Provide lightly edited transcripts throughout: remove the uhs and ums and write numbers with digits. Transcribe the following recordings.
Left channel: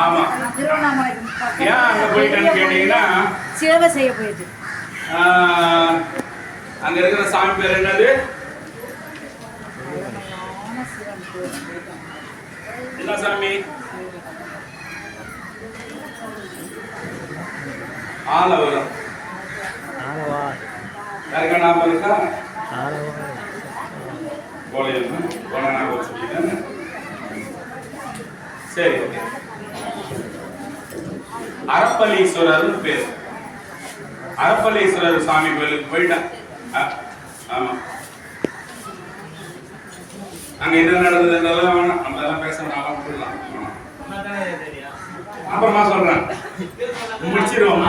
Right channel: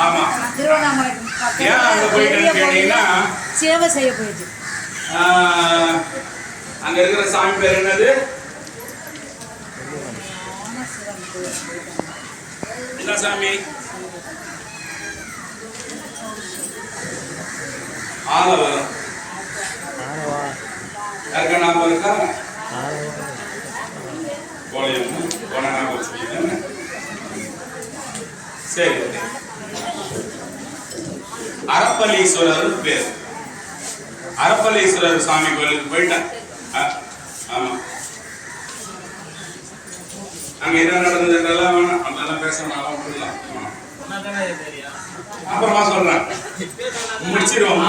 ஆமா, ஏன் அங்க போயிட்டேன்னு கேட்டீங்கன்னா சேவை செய்ய போயிட்டு அங்க இருக்கிற சாமி பேர் என்னது? என்ன சாமி? ஆலவரம். யாருக்கா ஞாபகம் இருக்கா? போன ஞாபகம் வச்சுக்கீங்க. சரி, அரப்பளீஸ்வரர் பேர். அரப்பளீஸ்வரர் சாமி கோயிலுக்கு போயிட்டேன். ஆமா, அங்க என்ன நடந்ததுலாம் வேணாம், அதெல்லாம் பேசணும், விட்டுடலாம். அப்புறமா சொல்றேன், முடிச்சிருவோம்.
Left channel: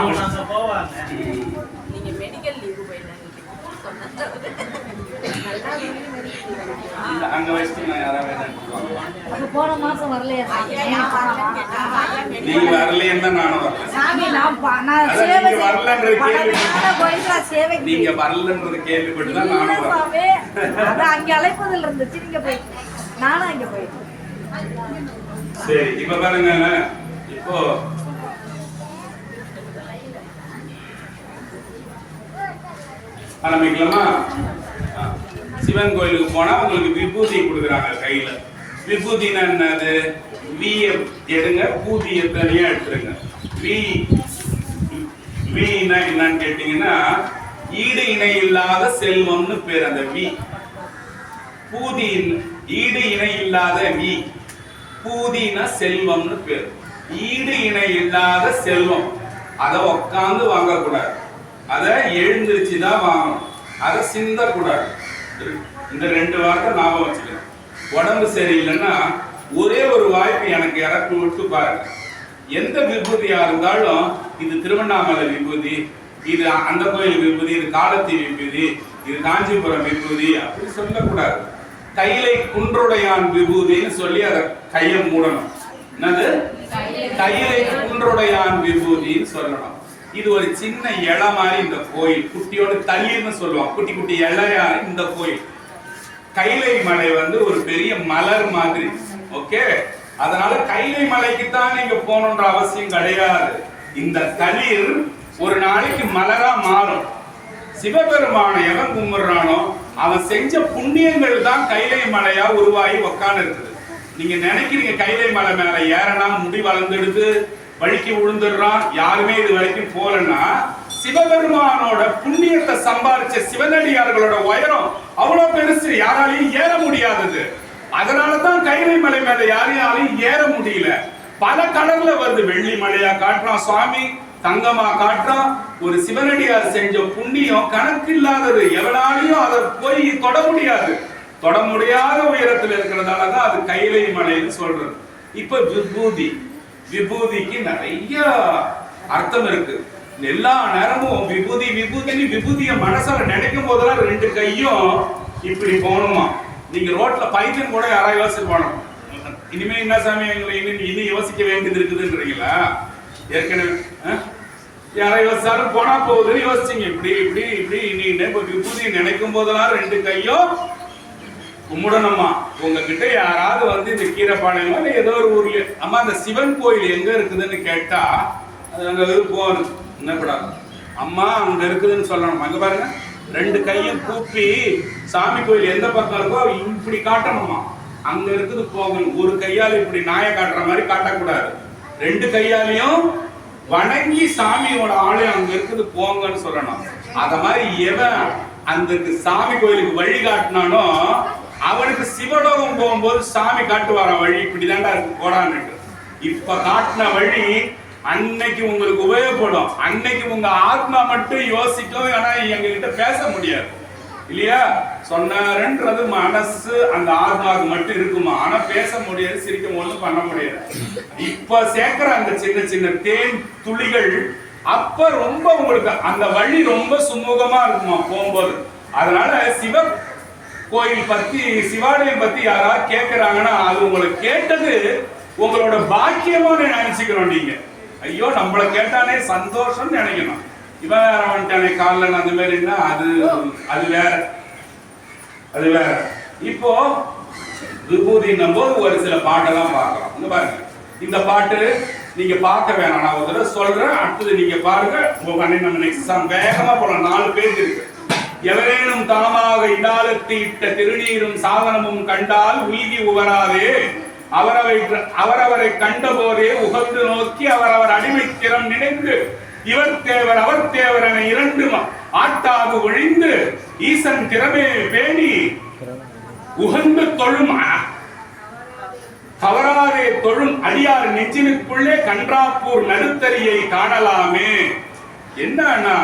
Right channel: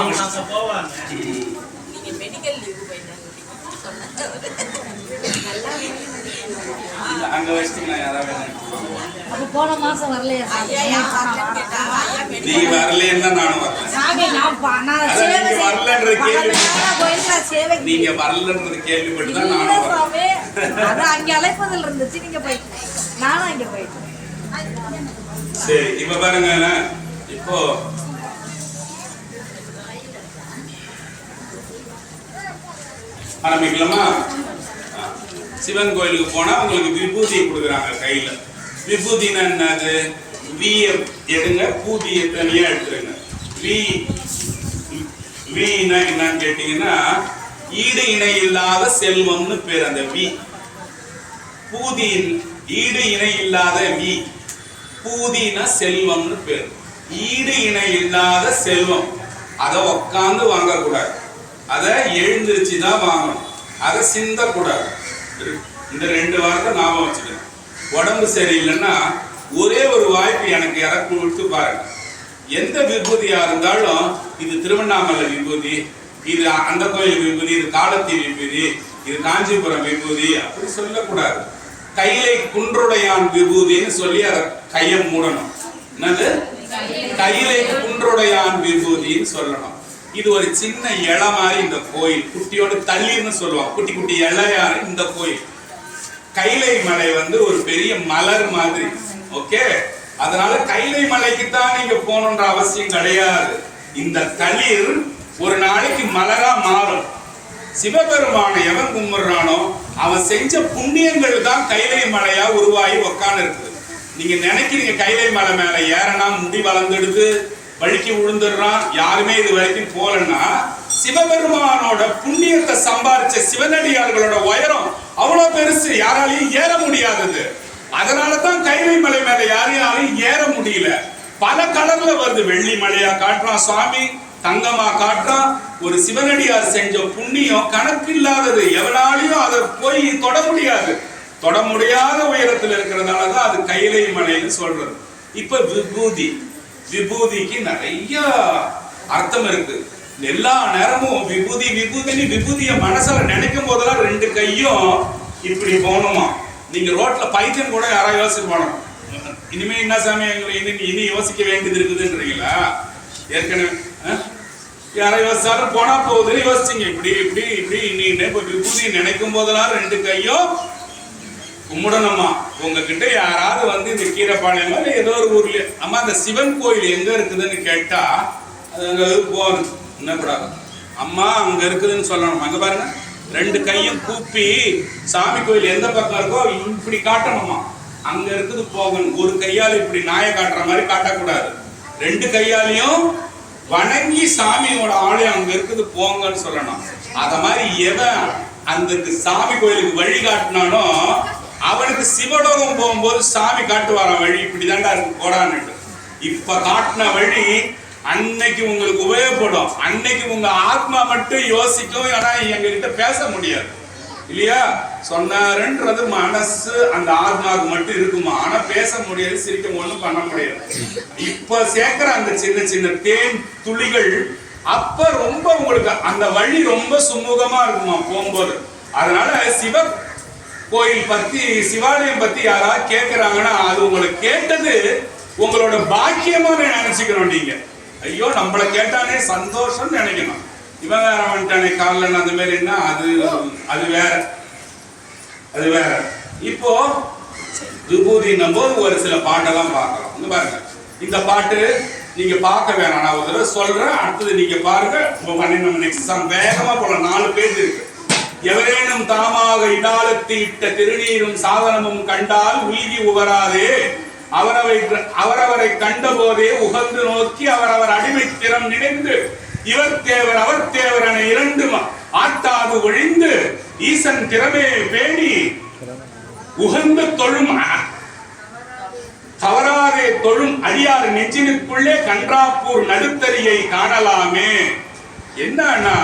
அங்க வச்சுட்டு யாராவது போன மாசம் வரலையா? நீ வரலையா? நானும் வரல. நீங்க வரலன்றது கேள்விப்பட்டுதான் நானும் வரல. அங்க அழைப்பதில் இருந்துச்சு, நீங்க போயிட்டு நானும் அங்க போயிட்டு. சரி, இப்ப பாருங்க, இப்போ ஆரம்பிக்கலாமா? சிவன் கோயிலுக்கு போனா உங்களுக்கு விபூதி கொடுக்குறாங்க கையில. விபூதினா என்னது? வீய எடுங்க, பூதிய தனியா எடுத்துருங்க. வீனா என்னன்னு கேட்டீங்கன்னா ஈடு இணை இல்லாத செல்வம்னு பேர். அந்த வீ பூதி ஈடு இணை இல்லாத வீ, பூதினா செல்வம்னு பேர். ஈடு இணை இல்லாத செல்வம். அதை உக்காந்து வாங்கக்கூடாது, அதை எழுந்திருச்சுதான் வாங்கணும், அதை சிந்தக்கூடாது. இந்த 2 வாரத்தை ஞாபகம் வச்சுக்கணும். உடம்பு சரியில்லைன்னா ஒரே ஒரு வாய்ப்பு எனக்கு இறக்கு விட்டு பாருங்க. எந்த விபூதியா இருந்தாலும் இது திருவண்ணாமலை விபூதி, இது அந்த கோயில் விபூதி, இது காலத்தி விபூதி, இது காஞ்சிபுரம் விபூதி அப்படி சொல்லக்கூடாது. கைலை குன்றுடையான் விபூதின்னு சொல்லி அதை கையை மூடணும். என்னது? கைலை குன்றுடையான் விபூதின்னு சொல்லணும். இது ஒரு சின்ன இலை மாதிரி இந்த கோயில், குட்டியோட தண்ணீர்னு சொல்லுவாங்க, குட்டி குட்டி இலையான இந்த கோயில். கைலை மலை ஒரு பெரிய மலர் மாதிரி. ஓகே, அதனால கைலை மலைக்கு தான் நீங்க போகணுன்ற அவசியம் கிடையாது. இந்த தளிர் ஒரு நாளைக்கு மலரா மாறும். சிவபெருமான எவன் கும்பிடுறானோ அவன் செஞ்ச புண்ணியங்கள் தான் கைலை மலையா உருவாகி உக்காந்து இருக்குது. நீங்க நினைக்கிறீங்க கைலை மலை மேல ஏறனா முடி வளர்ந்துடுது, வழிக்கு விழுந்துடுறான், யாருமே இது வரைக்கும் போலன்னா சிவபெருமானோட புண்ணியத்தை சம்பாதிச்ச சிவனடியார்களோட உயரம் அவ்வளவு பெருசு, யாராலையும் ஏற முடியாதது. அதனாலதான் கைலை மலை மேல யாரையாலையும் ஏற முடியல. பல கலர்ல வருது, வெள்ளி மலையா காட்டுறான் சுவாமி, தங்கமா காட்டுறான். ஒரு சிவனடியார் செஞ்ச புண்ணியம் கணக்கு இல்லாதது, எவனாலையும் அதை போய் தொட முடியாது. தொட முடியாத உயரத்தில் இருக்கிறதாலதான் அது கைலை மலைன்னு சொல்றது. இப்ப விபூதி, விபூதிக்கு நிறைய அர்த்தம் இருக்கு. எல்லா நேரமும் விபூதி விபூதின்னு விபூதிய மனசுல நினைக்கும் போதெல்லாம் 2 கையும் இப்படி போகணுமா. நீங்க ரோட்ல பைத்தியம் கூட யாராவது யோசிச்சு போனோம், இனிமே என்ன சாமி எங்களை இனி யோசிக்க வேண்டியது இருக்குதுன்றீங்களா? ஏற்கனவே யாராவது யோசிச்சாலும் போனா போகுதுன்னு யோசிச்சிங்க. இப்படி இப்படி இப்படி இப்ப விபூதி நினைக்கும் போதெல்லாம் 2 கையும் கும்பிடணுமா. உங்ககிட்ட யாராவது இந்த கீரைப்பாளையமா இல்லை ஏதோ ஒரு ஊர்ல, அம்மா அந்த சிவன் கோயில் எங்க இருக்குதுன்னு கேட்டா அது அங்க போகணும், என்ன கூடாது, அம்மா அங்க இருக்குதுன்னு சொல்லணும். அங்க பாருங்க, 2 கையும் கூப்பி சாமி கோயில் எந்த பக்கம் இருக்கோ இப்படி காட்டணுமா, அங்க இருக்குது போகணும். ஒரு கையால இப்படி நாயை காட்டுற மாதிரி காட்டக்கூடாது, 2 கையாலையும் வணங்கி சாமியோட ஆலயம் அங்க இருக்குது போங்கன்னு சொல்லணும். அத மாதிரி எவன் அந்த சாமி கோயிலுக்கு வழி காட்டினானோ அவனுக்கு சிவலோகம் போகும்போது சாமி காட்டுவாரான் வழி, இப்படிதான்டா இருக்கு போடான்னு. இப்ப காட்டின வழி அன்னைக்கு உங்களுக்கு உபயோகப்படும், அன்னைக்கு உங்க ஆத்மா மட்டும் யோசிக்கும். ஆனா எங்க கிட்ட பேச முடியாது இல்லையா? சொன்னாருன்றது மனசு அந்த ஆத்மாவுக்கு மட்டும் இருக்குமா, ஆனா பேச முடியாது, சிரிக்க ஒண்ணும் பண்ண முடியாது. இப்ப சேர்க்கிற அந்த சின்ன சின்ன தேன் துளிகள் அப்ப ரொம்ப உங்களுக்கு அந்த வழி ரொம்ப சுமூகமா இருக்குமா போகும்போது. அதனால சிவ கோயில் பத்தி, சிவாலயம் பத்தி யாராவது கேட்கிறாங்கன்னா அது உங்களுக்கு கேட்டது உங்களோட பாக்கியமா நினைச்சுக்கணும். நீங்க ஐயோ நம்மளை கேட்டானே சந்தோஷம் நினைக்கணும். இவன் வேற வந்துட்டானே காலில் அந்த மாதிரின்னா அது வேற, அது வேற. இப்போ விபூதின்னும் போது ஒரு சில பாட்டெல்லாம் பார்க்கலாம். இங்க பாருங்க, இந்த பாட்டு நீங்க பார்க்க வேணாம், நான் ஒரு தடவை சொல்றேன், அடுத்தது நீங்க பாருங்க. நம்ம நெக்ஸ்ட் சாங் வேகமா போலாம், 4 பேஜ் இருக்கு. எவரேனும் தாமாக இடாலத்து இட்ட திருநீரும் சாதனமும் கண்டால் உய்தி உவராதே, அவரவரை கண்ட போதே உகந்து நோக்கி அவரவர் அடிமைத்திறம் நினைந்து இவர் தேவர் அவர் தேவர் என 2 ஆட்டாது ஒழிந்து ஈசன் திறமே பேணி உகந்து தொழும் தவறாதே தொழும் அடியார் நெஞ்சினுக்குள்ளே கன்றாப்பூர் நடுத்தரியை காணலாமே. என்னன்னா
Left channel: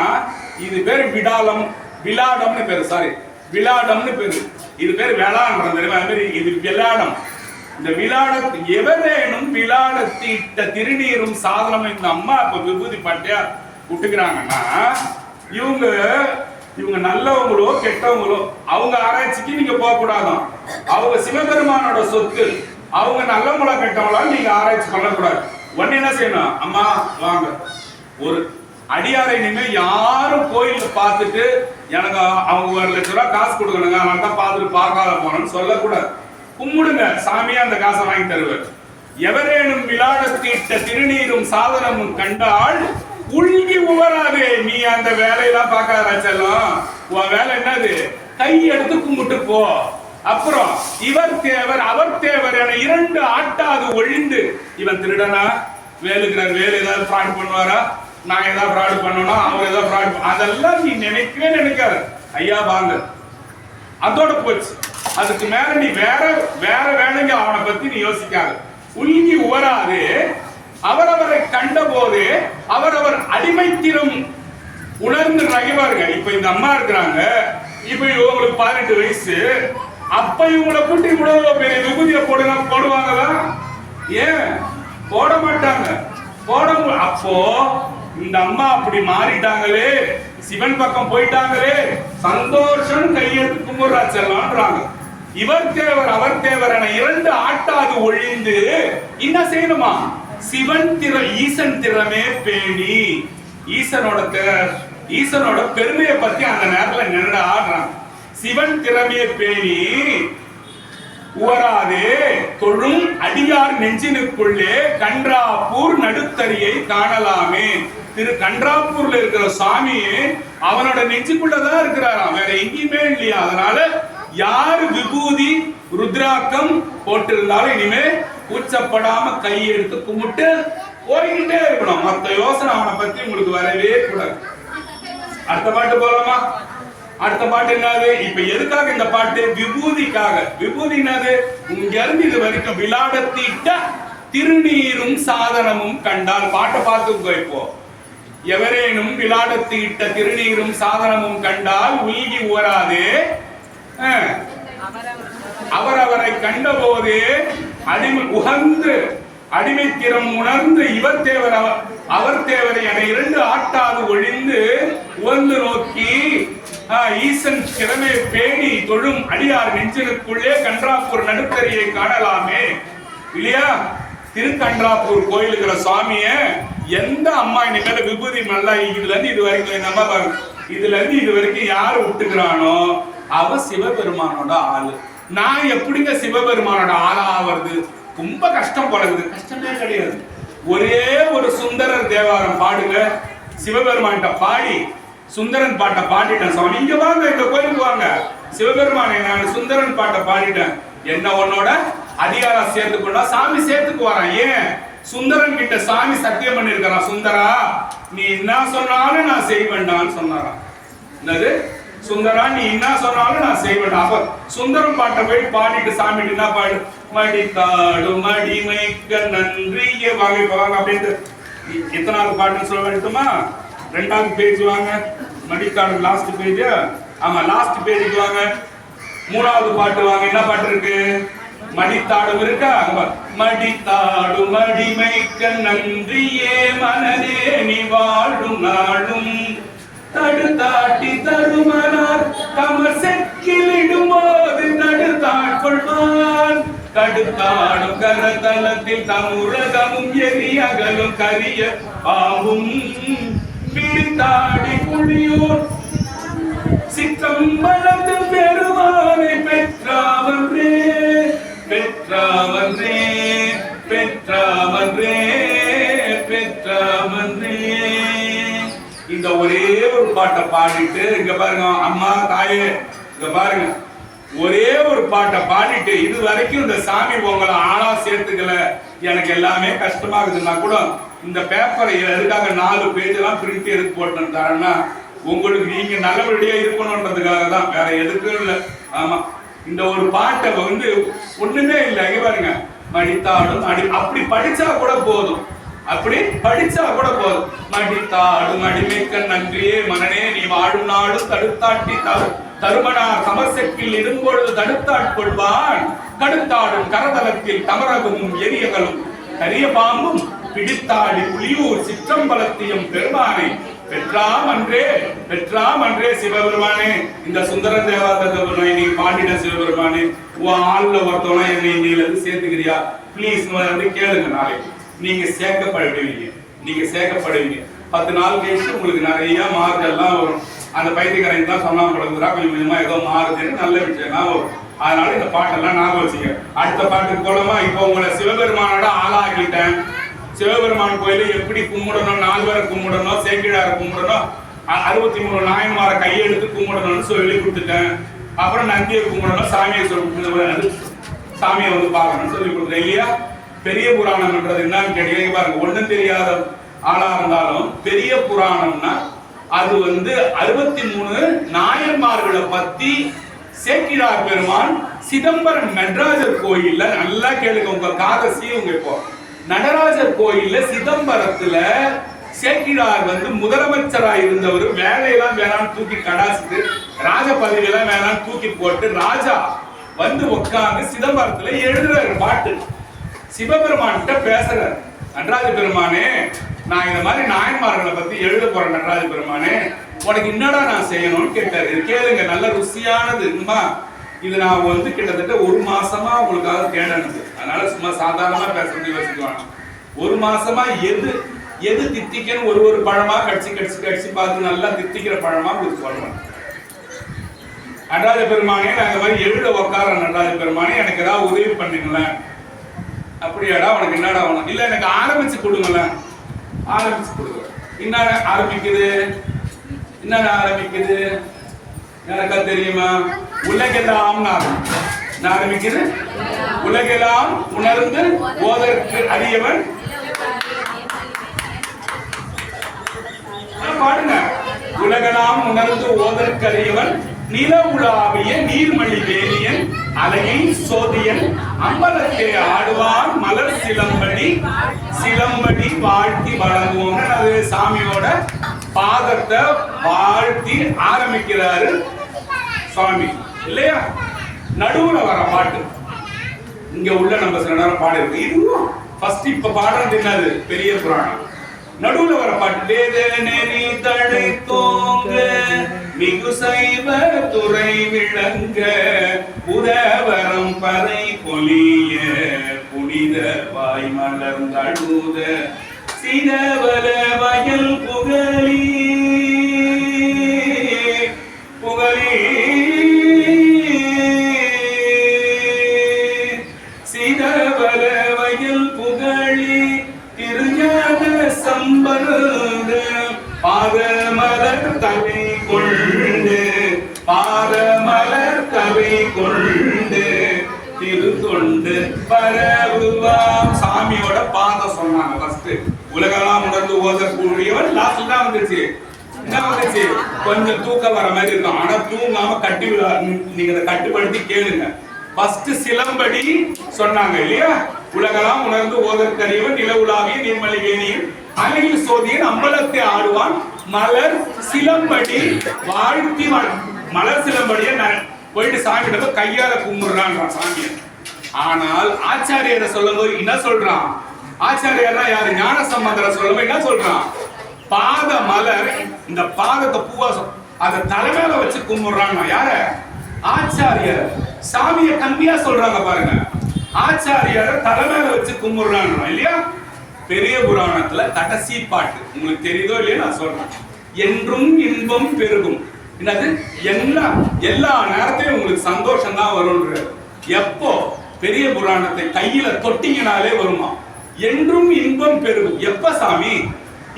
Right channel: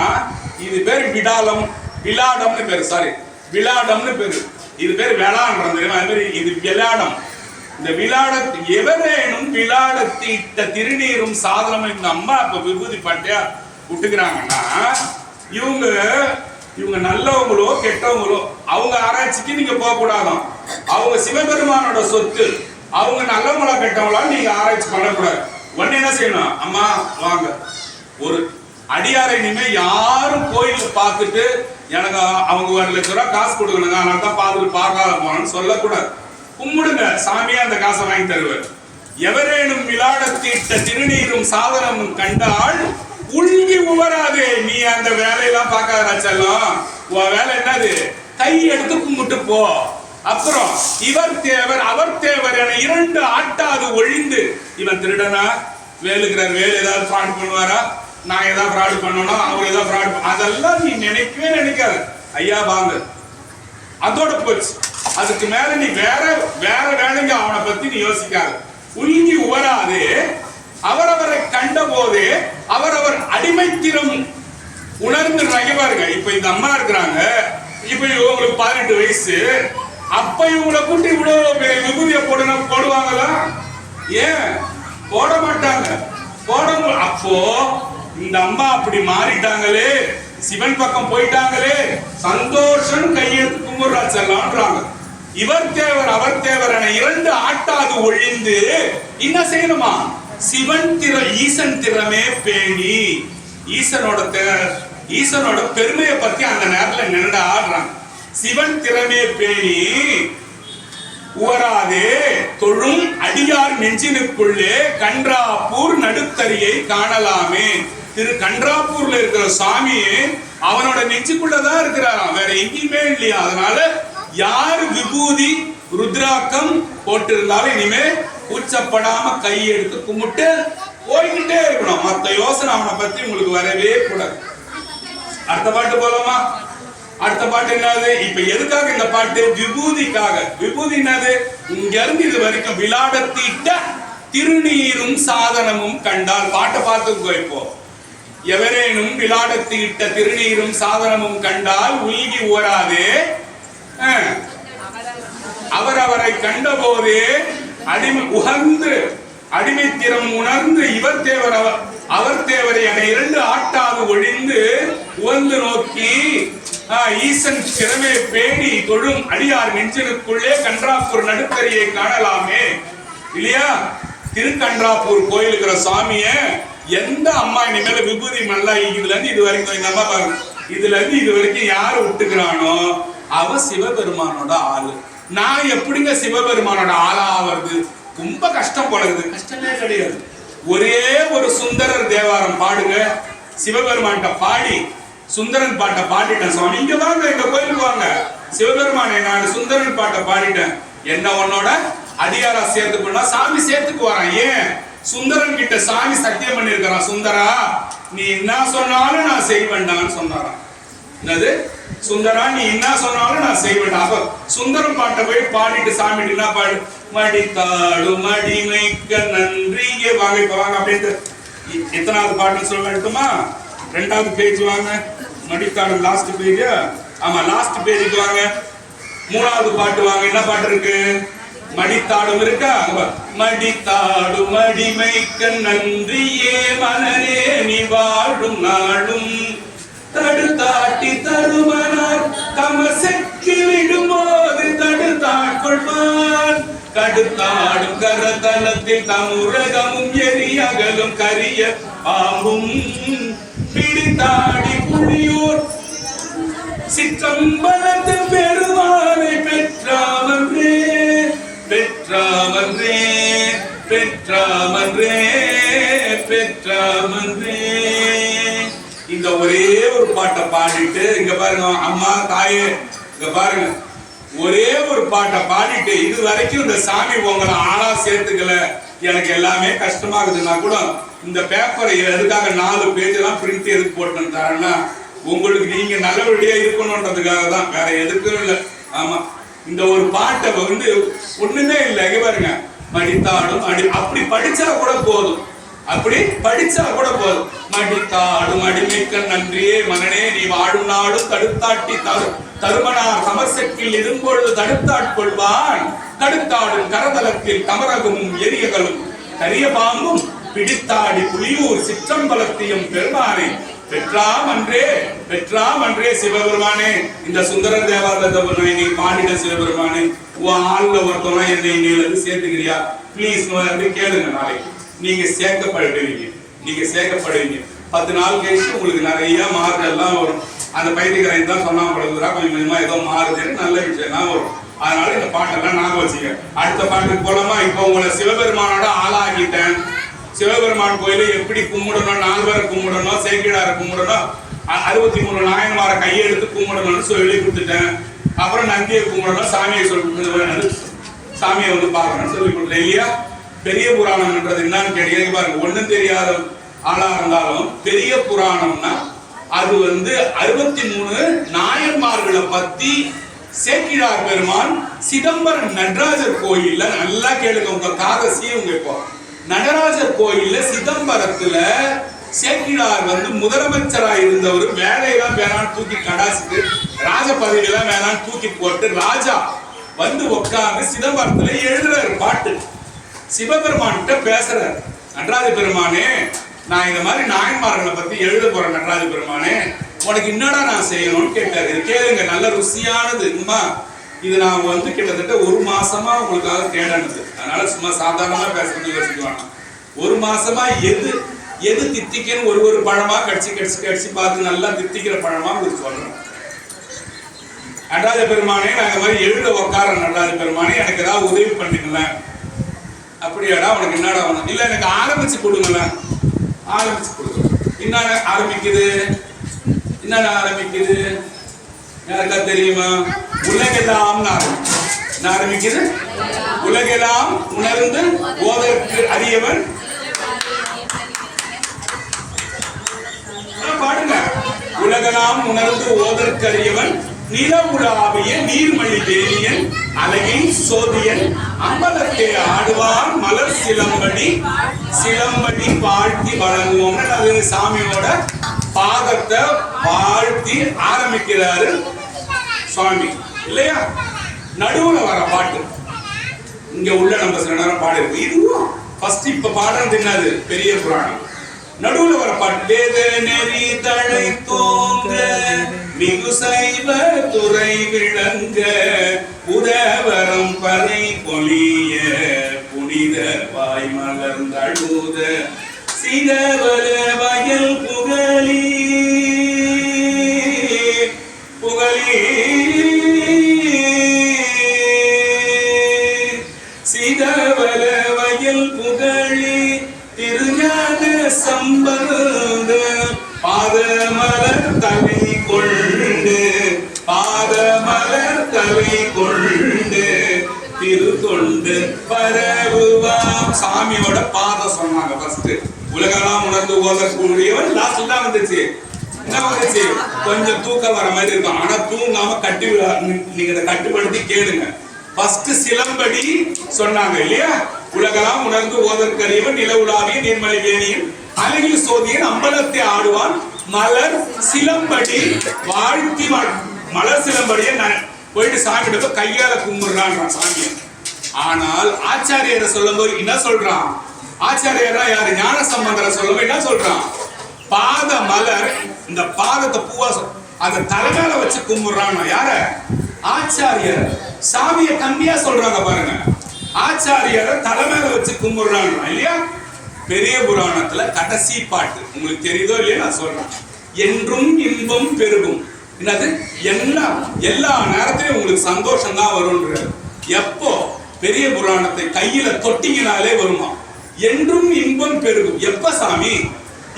இது பேர் விடாலம், விளாடம்னு பேரு, சாரி விளாடம்னு பேரு. இது பேர் வேளாண்றம் தெரியுமா? அது மாதிரி இது விளாடம். இந்த விளாட எவரேனும் விளாடத்து இட்ட திருநீரும் சாதனம். இந்த அம்மா இப்ப விபூதி பாட்டியா விட்டுக்கிறாங்கன்னா இவங்க நல்லவங்களோ கெட்டவங்களோ அவங்க ஆராய்ச்சிக்கு நீங்க போக கூடாதான். அவங்க சிவபெருமானோட சொத்து. அவங்க நல்லவங்களா கெட்டவங்களா நீங்க ஆராய்ச்சி பண்ணக்கூடாது. உடனே என்ன செய்யணும்? அம்மா வாங்க, ஒரு அடியாரை நீங்க யாரும் கோயில பார்த்துட்டு எனக்கு அவங்க 1 லட்சம் ரூபாய் காசு கொடுக்கணுங்க, அதனால தான் பார்த்துட்டு பார்க்காத போனேன்னு சொல்லக்கூடாது. கும்பிடுங்க, சாமியா அந்த காசை வாங்கி தருவார். எவரேனும் விளாடத்தீட்ட திருநீரும் சாதனமும் கண்டால் உள்கி உவராதே. நீ அந்த வேலையெல்லாம் பார்க்காத செல்லம். உன் வேலை என்னது? கை எடுத்து கும்பிட்டு போ. அப்புறம் இவர் தேவர் அவர் தேவர் என 2 ஆட்டாது ஒழிந்து. இவன் திருடனா? வேலுக்கிறார், வேலு ஏதாவது ஃப்ராட் பண்ணுவாரா? நான் ஏதாவது ஃப்ராடு பண்ணோம்னா அவர் ஏதாவது ஃப்ராட், அதெல்லாம் நீ நினைக்கவே நினைக்காது. ஐயா வாங்க, அதோட போச்சு. அதுக்கு மேல நீ வேற வேலைங்க அவனை பத்தி நீ யோசிக்காத. உள்கி உவராதே, அவரவரை கண்ட போதே அவரவர் அடிமைத்திறம் உணர்ந்து பாருங்க. இப்ப இந்த அம்மா இருக்கிறாங்க, இப்ப இவங்களுக்கு 18 வயசு. அப்ப இவங்களை கூட்டி இவ்வளவு பெரிய விபூதியை போடுவாங்களா? ஏன் போட மாட்டாங்க? அப்போ இந்த அம்மா அப்படி மாறிட்டாங்களே, சிவன் பக்கம் போயிட்டாங்களே, சந்தோஷம், கையெழுத்து கும்பிடுறா செல்லான்றாங்க. இவர் தேவர் அவர் தேவர் என 2 ஆட்டாது ஒழிந்து என்ன செய்யணுமா? சிவன் ஈசன் திறமே பேணி. ஈசனோட பெருமையை பத்தி அந்த நேரத்துல நின்று ஆடுறாங்க. சிவன் திறமே பேணி உவராதே தொழும் அடியார் நெஞ்சினுக்குள்ளே கன்றாப்பூர் நடுத்தரியை காணலாமே. திரு கன்றாப்பூர்ல இருக்கிற சாமி அவனோட நெஞ்சுக்குள்ளதான் இருக்கிறாராம், வேற எங்கேயுமே இல்லையா. அதனால யாரு விபூதி ருத்ராக்கம் போட்டிருந்தாலும் இனிமே கூச்சப்படாம கை எடுத்து கும்பிட்டு போய்கிட்டே இருக்கணும். மத்த யோசனை அவனை பத்தி உங்களுக்கு வரவே கூடாது. அடுத்த பாட்டு போலாமா? அடுத்த பாட்டு என்னது? இப்ப எதுக்காக இந்த பாட்டு? விபூதிக்காக. விபூதி என்னது? இங்க இருந்து இது வரைக்கும் விளாடத்திட்ட திருநீரும் சாதனமும் கண்டால். பாட்டை பார்த்துக்கோ. இப்போ எவரேனும் விளாடத்திட்ட திருநீரும் சாதனமும் கண்டால் உள்கி உவராதே, அவரவரை கண்ட போதே உகந்து அடிமைத்திறம் உணர்ந்து இவர் தேவர் அவர் தேவர் என 2 ஆட்டாது ஒழிந்து உவந்து நோக்கி ஈசன் திறமே பேணி தொழும் அடியார் நெஞ்சினுக்குள்ளே கன்றாப்பூர் நடுத்தரியை காணலாமே. இல்லையா? திருக்கன்றாப்பூர் கோயிலுக்கிற சாமிய எந்த அம்மா இனிமேல விபூதி நல்லா இதுல இருந்து இது வரைக்கும் இந்த அம்மா பாருங்க, இதுல இருந்து இது வரைக்கும் யாரு விட்டுக்கிறானோ அவ சிவபெருமானோட ஆளு. நான் எப்படிங்க சிவபெருமானோட ஆளா ஆவறது? ரொம்ப கஷ்டம் போலகுது. கஷ்டமே கிடையாது. ஒரே ஒரு சுந்தரர் தேவாரம் பாடுங்க, சிவபெருமான்கிட்ட பாடி சுந்தரன் பாட்டை பாடிட்டேன் சுவாமி, இங்க வாங்க, இந்த கோயிலுக்கு வாங்க, சிவபெருமானை நான் சுந்தரன் பாட்டை பாடிட்டேன், என்ன உன்னோட அடியாரா சேர்த்துக்கொண்டா சாமி சேர்த்துக்கு வரான். ஏன்? சுந்தரன் கிட்ட சாமி சத்தியம் பண்ணி இருக்கிறான், சுந்தரா நீ என்ன சொன்னாலும் நான் செய்வேண்டான்னு சொன்னாராம். என்னது? சுந்தரா நீ என்ன சொன்னாலும் நான் செய்வேன். அப்ப சுந்தரம் பாட்டை போய் பாடிட்டு சாமி என்ன பாடு? மடித்தாடும் மடிமைக்க நன்றியே வாங்க. இப்ப வாங்க அப்படின்ட்டு எத்தனாவது பாட்டுன்னு சொல்ல வேண்டுமா? 2வது பேஜ் வாங்க. மடித்தாடும் லாஸ்ட் பேஜ். ஆமா, லாஸ்ட் பேஜுக்கு வாங்க. 3வது பாட்டு வாங்க. என்ன பாட்டு இருக்கு? மடித்தாடும் இருக்கா? மடித்தாடும் மடிமைக்க நன்றியே மனரே நீ வாழும் நாளும் தடுத்தாட்டி தருமனார் கமர் செக்கிலிடும் போது தடுத்தாட்கொள்வார் கடுத்தாடும் கரதலத்தில் தமுரகமும் எரியகலும் கரிய ஆகும் பிடித்தாடி புளியூர் சிற்றம்பலத்து பெருமானை பெற்றாமன்றே பெற்றாமன்றே பெற்றாமன்றே பெற்றமன்றே. இந்த ஒரே ஒரு பாட்டை பாடிட்டு இங்க பாருங்க அம்மா தாயே, இங்க பாருங்க ஒரே ஒரு பாட்டை பாடிட்டு இது வரைக்கும் இந்த சாமி உங்களை ஆளா சேர்த்துக்கல, எனக்கு எல்லாமே கஷ்டமாகுதுன்னா கூட இந்த பேப்பரை எதுக்காக 4 பேஜ் எல்லாம் பிரிண்ட் எதுக்கு போட்டு தரேன்னா உங்களுக்கு நீங்க நல்லபடியா இருக்கணும்ன்றதுக்காக தான், வேற எதுக்கும் இல்லை. ஆமா, இந்த ஒரு பாட்டை வந்து ஒண்ணுமே இல்லை. இங்க பாருங்க மடித்தாடும் அடி, அப்படி படிச்சா கூட போதும், அப்படி படிச்சா கூட போதும். மடித்தாடும் அடிமைக்க நன்றியே மனனே நீ வாழும் நாடும் தடுத்தாட்டி தருமனார் சமர்சக்கில் இரும்பொழுது தடுத்தாட்கொள்வான் கடுத்தாடும் கரதலத்தில் தமரகமும் எரியகளும் கரிய பாம்பும் பிடித்தாடி புலியூர் சிற்றம்பலத்தையும் பெருமானை பெற்றாம் அன்றே சிவபெருமானே. இந்த சுந்தர தேவாரத்தை நீ பாடின சிவபெருமானே, உன் ஆள்ல ஒருத்தவனை என்னை நீல சேர்த்துக்கிறியா பிளீஸ் கேளுங்க. நாளைக்கு நீங்க சேர்க்கப்படுவீங்க. 10 நாள் கழிச்சு உங்களுக்கு நிறைய மார்க் எல்லாம் வரும். அந்த பைத்தியக்காரன் தான் சொன்னா படுறா கொஞ்சம் கொஞ்சமா ஏதோ மாறுதுன்னு நல்ல விஷயம் தான் வரும். அதனால இந்த பாட்டெல்லாம் ஞாபகம் வச்சுக்க. அடுத்த பாட்டுக்கு போலமா இப்போ உங்களை சிவபெருமானோட ஆளாக்கிட்டேன். சிவபெருமான் கோயில எப்படி கும்பிடணும், 4 பேரை கும்பிடணும், சேக்கிழாரை கும்பிடணும், 63 நாயன்மாரை கையெடுத்து கும்பிடணும்னு சொல்லி கொடுத்துட்டேன். அப்புறம் நந்தியை கும்பிடணும், சாமியை சாமியை வந்து பார்க்கணும்னு சொல்லி கொடுத்துட்டேன் இல்லையா. பெரிய புராணம்ன்றது என்னன்னு கேட்டீங்க பாருங்க, ஒண்ணும் தெரியாத ஆளா இருந்தாலும் பெரிய புராணம்னா அது வந்து 63 நாயன்மார்களை பத்தி சேக்கிழார் பெருமான் சிதம்பரம் நடராஜர் கோயில்ல, நல்லா கேளுங்க உங்க காதசி உங்க இப்போ நடராஜர் கோயில்ல சிதம்பரத்துல சேக்கிழார் வந்து முதலமைச்சராக இருந்தவர் வேலையெல்லாம் வேணான்னு தூக்கி கடாசிட்டு ராஜ பதவியெல்லாம் வேணான்னு தூக்கி போட்டு ராஜா வந்து உட்கார்ந்து சிதம்பரத்துல எழுதுறாரு பாட்டு. சிவபெருமான்கிட்ட பேசுறாரு, நடராஜ பெருமானே நான் இந்த மாதிரி நாயன்மார்களை பத்தி எழுத போறேன், நடராஜ பெருமானே உனக்கு என்னடா நான் செய்யணும்னு கேட்டாரு. இது கேளுங்க, நல்ல ருசியானது. இது நான் வந்து கிட்டத்தட்ட 1 மாசமா உங்களுக்காக தேடானது, அதனால சும்மா சாதாரணமா பேசுறது யோசிக்குவாங்க. 1 மாசமா எது தித்திக்கன்னு ஒரு பழமா கடிச்சு பார்த்து நல்லா தித்திக்கிற பழமா உங்களுக்கு சொல்றேன். நடராஜ பெருமானே நான் இந்த மாதிரி எழுத உக்கார நடராஜ பெருமானே எனக்கு ஏதாவது உதவி பண்ணுங்களேன். அப்படியாடா உனக்கு என்னடா வேணும்? இல்ல எனக்கு ஆரம்பிச்சு கொடுங்களேன். ஆரம்பிச்சு கொடுங்க. என்னென்ன ஆரம்பிக்குது யாருக்கா தெரியுமா? உலகெல்லாம் ஆரம்பிக்குது. உலகெல்லாம் உணர்ந்து ஓதற்கு அறியவன் பாடுங்க. உலகெல்லாம் உணர்ந்து ஓதற்கு அறியவன் நில உலாவிய நீர்மணி வேணியன் அழகின் சோதியன் அம்பலத்தை ஆடுவான் மலர் சிலம்படி வாழ்த்தி வழங்குவோம். அது சாமியோட பாதத்தை வாழ்த்தி ஆரம்பிக்கிறாரு சுவாமி இல்லையா. நடுவுல வர பாட்டு இங்க உள்ள நம்ம சில நேரம் பாடு இருக்கு. இதுவும் ஃபர்ஸ்ட் இப்ப பாடுறது என்னது? பெரிய புராணம். நடுவுல வர பாட்டு வேத நெறி தழை தோங்க மிகு சைவ துறை விளங்க புதவரம் பறை பொலிய புனித வாய் மலர்ந்தழுத சிதவல வயல் புகழி சிதவல வயல் புகழி திருஞான சம்பந்த பாதமலர் தலை கொண்டு திருத்தொண்டு பரவுவாம். சாமியோட பாதம் சொன்னாங்க ஃபர்ஸ்ட். உலகெல்லாம் உணர்ந்து ஓதக்கூடியவன் லாஸ்ட்ல தான் வந்துச்சு. என்ன வந்துச்சு? கொஞ்சம் தூக்கம் வர மாதிரி இருக்கும், ஆனா தூங்காம நீங்க அதை கட்டுப்படுத்தி கேளுங்க. ஃபர்ஸ்ட் சிலம்படி சொன்னாங்க இல்லையா. உலகெல்லாம் உணர்ந்து ஓதற்கரியவன் நில உலாவிய நீர்மலை வேணியன் அழகில் சோதியன் அம்பலத்தை ஆடுவான் மலர் சிலம்படி வாழ்த்தி. மலர் சிலம்படியை போயிட்டு சாமிகிட்ட கையால கும்பிடுறான் சாமியை. ஆனால் ஆச்சாரியரை சொல்லும் போது என்ன சொல்றான்? ஆச்சாரியர்னா யாரு? ஞான சம்பந்தரை சொல்லும் போது என்ன சொல்றான்? பாத மலர், இந்த பாதத்தை பூவா அதை தலைமையில வச்சு கும்பிடுறான். யார? ஆச்சாரியர். சாமியை கம்பியா சொல்றாங்க பாருங்க. ஆச்சாரியரை தலைமையில வச்சு கும்பிடுறான் இல்லையா. பெரிய புராணத்துல கடைசி பாட்டு உங்களுக்கு தெரியுதோ இல்லையா நான் சொல்றேன். என்றும் இன்பம் பெருகும். என்னது? எல்லா நேரத்திலும் உங்களுக்கு சந்தோஷம் தான் வரும். எப்போ? பெரிய புராணத்தை கையில தொட்டிங்கனாலே வருமா? என்றும் இன்பம் பெருகும். எப்ப சாமி?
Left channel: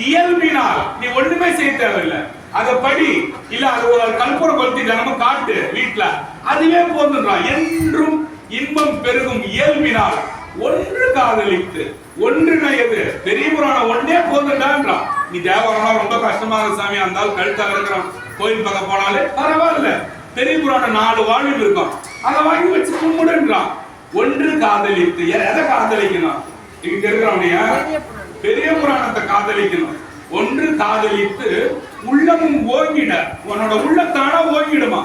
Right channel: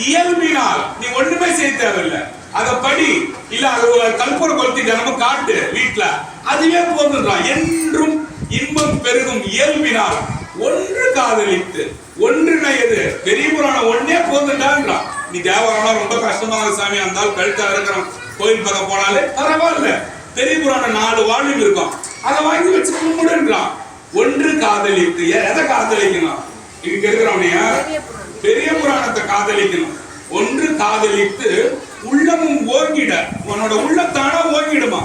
இயல்பினால். நீ ஒண்ணுமே செய்ய தேவையில்லை, அத படி, இல்ல அது கற்பூர கொளுத்தி தினமும் காட்டு வீட்டுல, அதுவே போதுன்றான். என்றும் இன்பம் பெருகும் இயல்பினால் ஒன்று காதலித்து ஒன்றிணையது. பெரிய புராணம் ஒன்னே போதுண்டான்றான். நீ தேவாரம்னா ரொம்ப கஷ்டமாக சாமி, அந்த கழுத்தா இருக்கிறோம், கோயில் பக்கம் போனாலே பரவாயில்ல, பெரிய புராணம் 4 வால்யூம் இருக்கும், அதை வாங்கி வச்சு கும்பிடுன்றான். ஒன்று காதலித்து. எதை காதலிக்கணும்? இங்க இருக்கிறவனைய பெரிய புராணத்தை காதலிக்கணும். ஒன்று காதலித்து உள்ளமும் ஓங்கிட. உன்னோட உள்ளத்தானா ஓங்கிடுமா?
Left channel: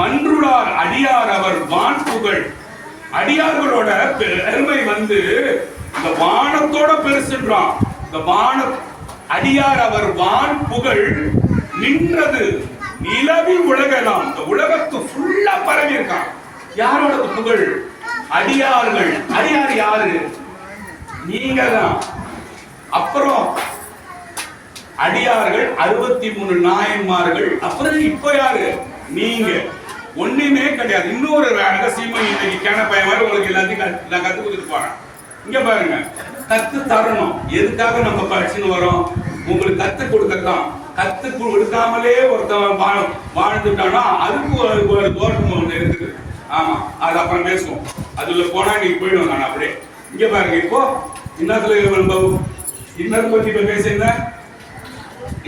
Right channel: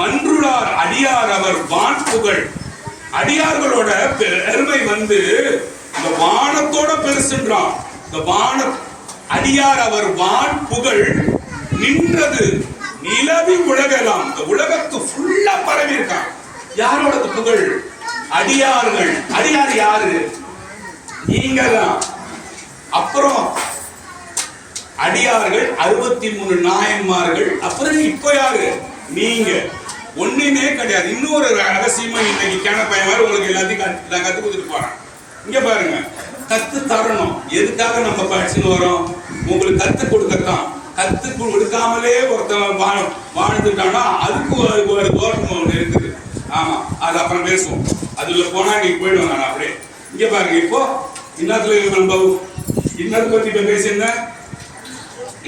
மன்றுளார் அடியார் அவர் வான் புகழ். அடியார்களோட பெருமை வந்து இந்த வானத்தோட பெருசுன்றான். இந்த வான அடியார் அவர் வான் புகழ் நின்றது நிலவி உலகெல்லாம். இந்த உலகத்து ஃபுல்லா பரவி இருக்கான். யாரோட புகழ்? அடியார்கள். அடியார் யாரு? நீங்க தான். அப்புறம் அடியார்கள் 63 நாயன்மார்கள். அப்புறம் இப்ப யாரு? நீங்க. ஒண்ணுமே கிடையாது. இன்னொரு ரகசியமும் இன்னைக்கு கேன பையன் மாதிரி உங்களுக்கு எல்லாத்தையும் நான் கத்து கொடுத்துட்டு போறேன். இங்க பாருங்க, கத்து தரணும். எதுக்காக நம்ம படிச்சுன்னு வரோம்? உங்களுக்கு கத்து கொடுக்கத்தான். கத்து கொடுக்காமலே ஒருத்தவன் வாழ்ந்துட்டானா அதுக்கு ஒரு தோற்றம் ஒண்ணு இருக்குது. ஆமா, அது அப்புறம் பேசுவோம். அதுல போனா இன்னைக்கு போயிடுவோம். நான் அப்படியே இங்க பாருங்க, இப்போ இன்னத்தை பத்தி இப்ப பேசியிருந்தேன்.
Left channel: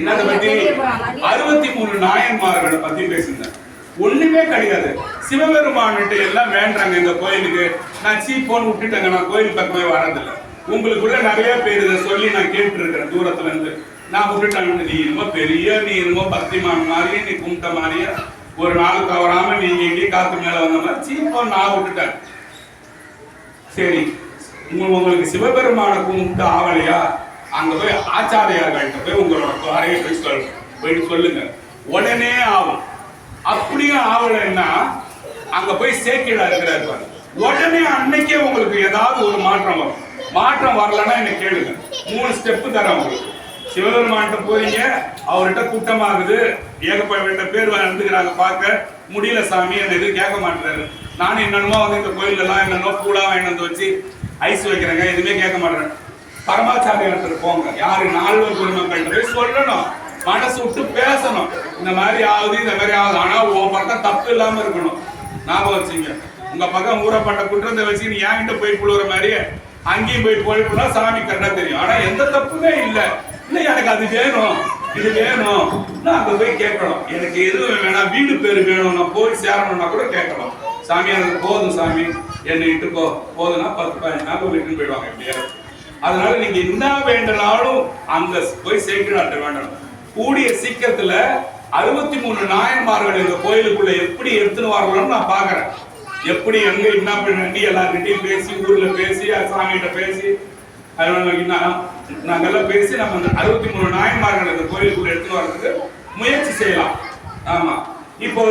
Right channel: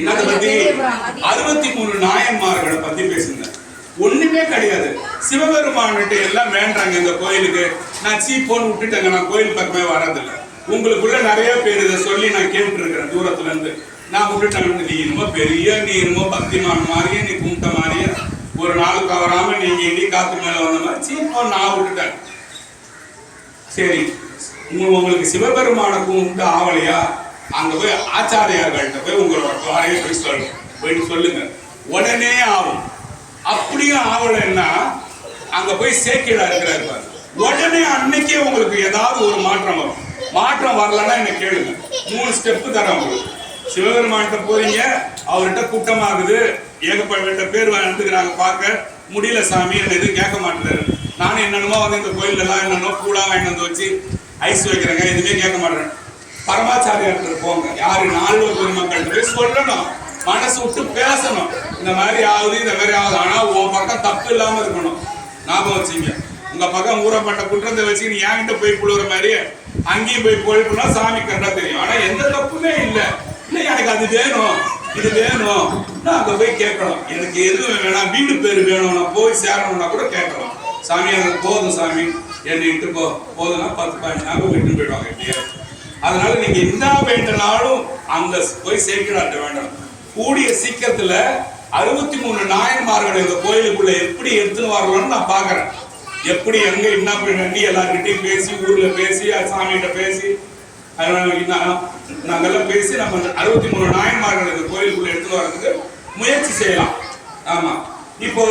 இன்னத்தை பத்தி 63 நாயன்மார்களை பத்தி பேசியிருந்தேன். ஒண்ணுமே கிடையாது. சிவபெருமான்கிட்ட எல்லாம் வேண்டாங்க இந்த கோயிலுக்கு. நான் சீப்போன்னு விட்டுட்டேங்க, நான் கோயில் பக்கமே வரதில்லை. உங்களுக்குள்ள நிறைய பேர் இதை சொல்லி நான் கேட்டு இருக்கிறேன் தூரத்துல இருந்து. நான் விட்டுட்டேன். நீ இன்னும் பெரிய, நீ இன்னும் பக்திமான் மாதிரியே, நீ கும்பிட்ட மாதிரியே, ஒரு நாள் கவராம நீங்க இடி காத்து மேல வந்த மாதிரி சீப்போன்னு நான் விட்டுட்டேன். சரி, உங்களுக்கு சிவபெருமான கும்பிட்டு ஆவலையா? அங்க போய் ஆச்சாரியார்கள்ட்ட போய் உங்களோட குறைய போயிட்டு சொல்லுங்க, உடனே ஆகும். அப்படியும் ஆவலைன்னா அங்க போய் சேக்கிழா இருக்கிறாரு, உடனே அன்னைக்கே உங்களுக்கு ஏதாவது ஒரு மாற்றம் வரும். மாற்றம் வரலன்னா என்ன கேளுங்க, 3 ஸ்டெப்பு தரேன் உங்களுக்கு. சிவபெருமான்கிட்ட போறீங்க, அவர்கிட்ட கூட்டமாகுது, ஏகப்பட்ட பேர் வந்துக்கிறாங்க, பார்க்க முடியல சாமி, என்ன எதுவும் கேட்க மாட்டேறாரு. நானும் என்னென்னமோ வந்து இந்த கோயில் எல்லாம் என்னென்னமோ பூலா வாங்கிட்டு வந்து வச்சு ஐஸ் வைக்கிறேங்க, எதுவுமே கேட்க மாட்டேறேன். பரமாச்சாரியார்கிட்ட போங்க. யாரு? 4 பெருமக்கள்கிட்ட போய் சொல்லணும், மனசு விட்டு பேசணும். இந்த மாதிரி ஆகுது, இந்த மாதிரி ஆகுது, ஆனா உன் பக்கம் தப்பு இல்லாம இருக்கணும். ஞாபகம் வச்சுங்க. உங்க பக்கம் ஊறப்பட்ட குற்றத்தை வச்சு நீ என்கிட்ட போய் புழுற மாதிரி அங்கேயும் போய் போயிட்டுனா சாமி கரெக்டா தெரியும். ஆனா எந்த தப்புமே இல்லை. இல்லை எனக்கு அது வேணும், இது வேணும், நான் அங்க போய் கேட்கணும். எனக்கு எதுவும் வேணாம், வீடு பேரு வேணும், நான் போய் சேரணும்னா கூட கேட்கணும். சாமி எனக்கு போதும் சாமி, என்னை இட்டுக்கோ, போதும்னா 10-15 நாள் வீட்டுன்னு போயிடுவாங்க எப்படியா. அதனால நீங்க என்ன வேண்டனாலும் அங்க போய் சேர்க்கிறாட்ட வேண்டணும். கூடிய சீக்கிரத்துல 63 நாயன்மார்கள் இந்த கோயிலுக்குள்ள எப்படி எடுத்துன்னு வரலாம்னு நான் பாக்குறேன். எப்படி எங்க என்ன பண்ணி எல்லார்கிட்டையும் பேசி, ஊர்ல பேசி, சாமிகிட்ட பேசி, நாங்கெல்லாம் பேசி நம்ம 63 நாயன்மார்கள் இந்த கோயிலுக்குள்ள எடுத்துன்னு வர்றதுக்கு முயற்சி செய்யலாம். ஆமா, இப்போ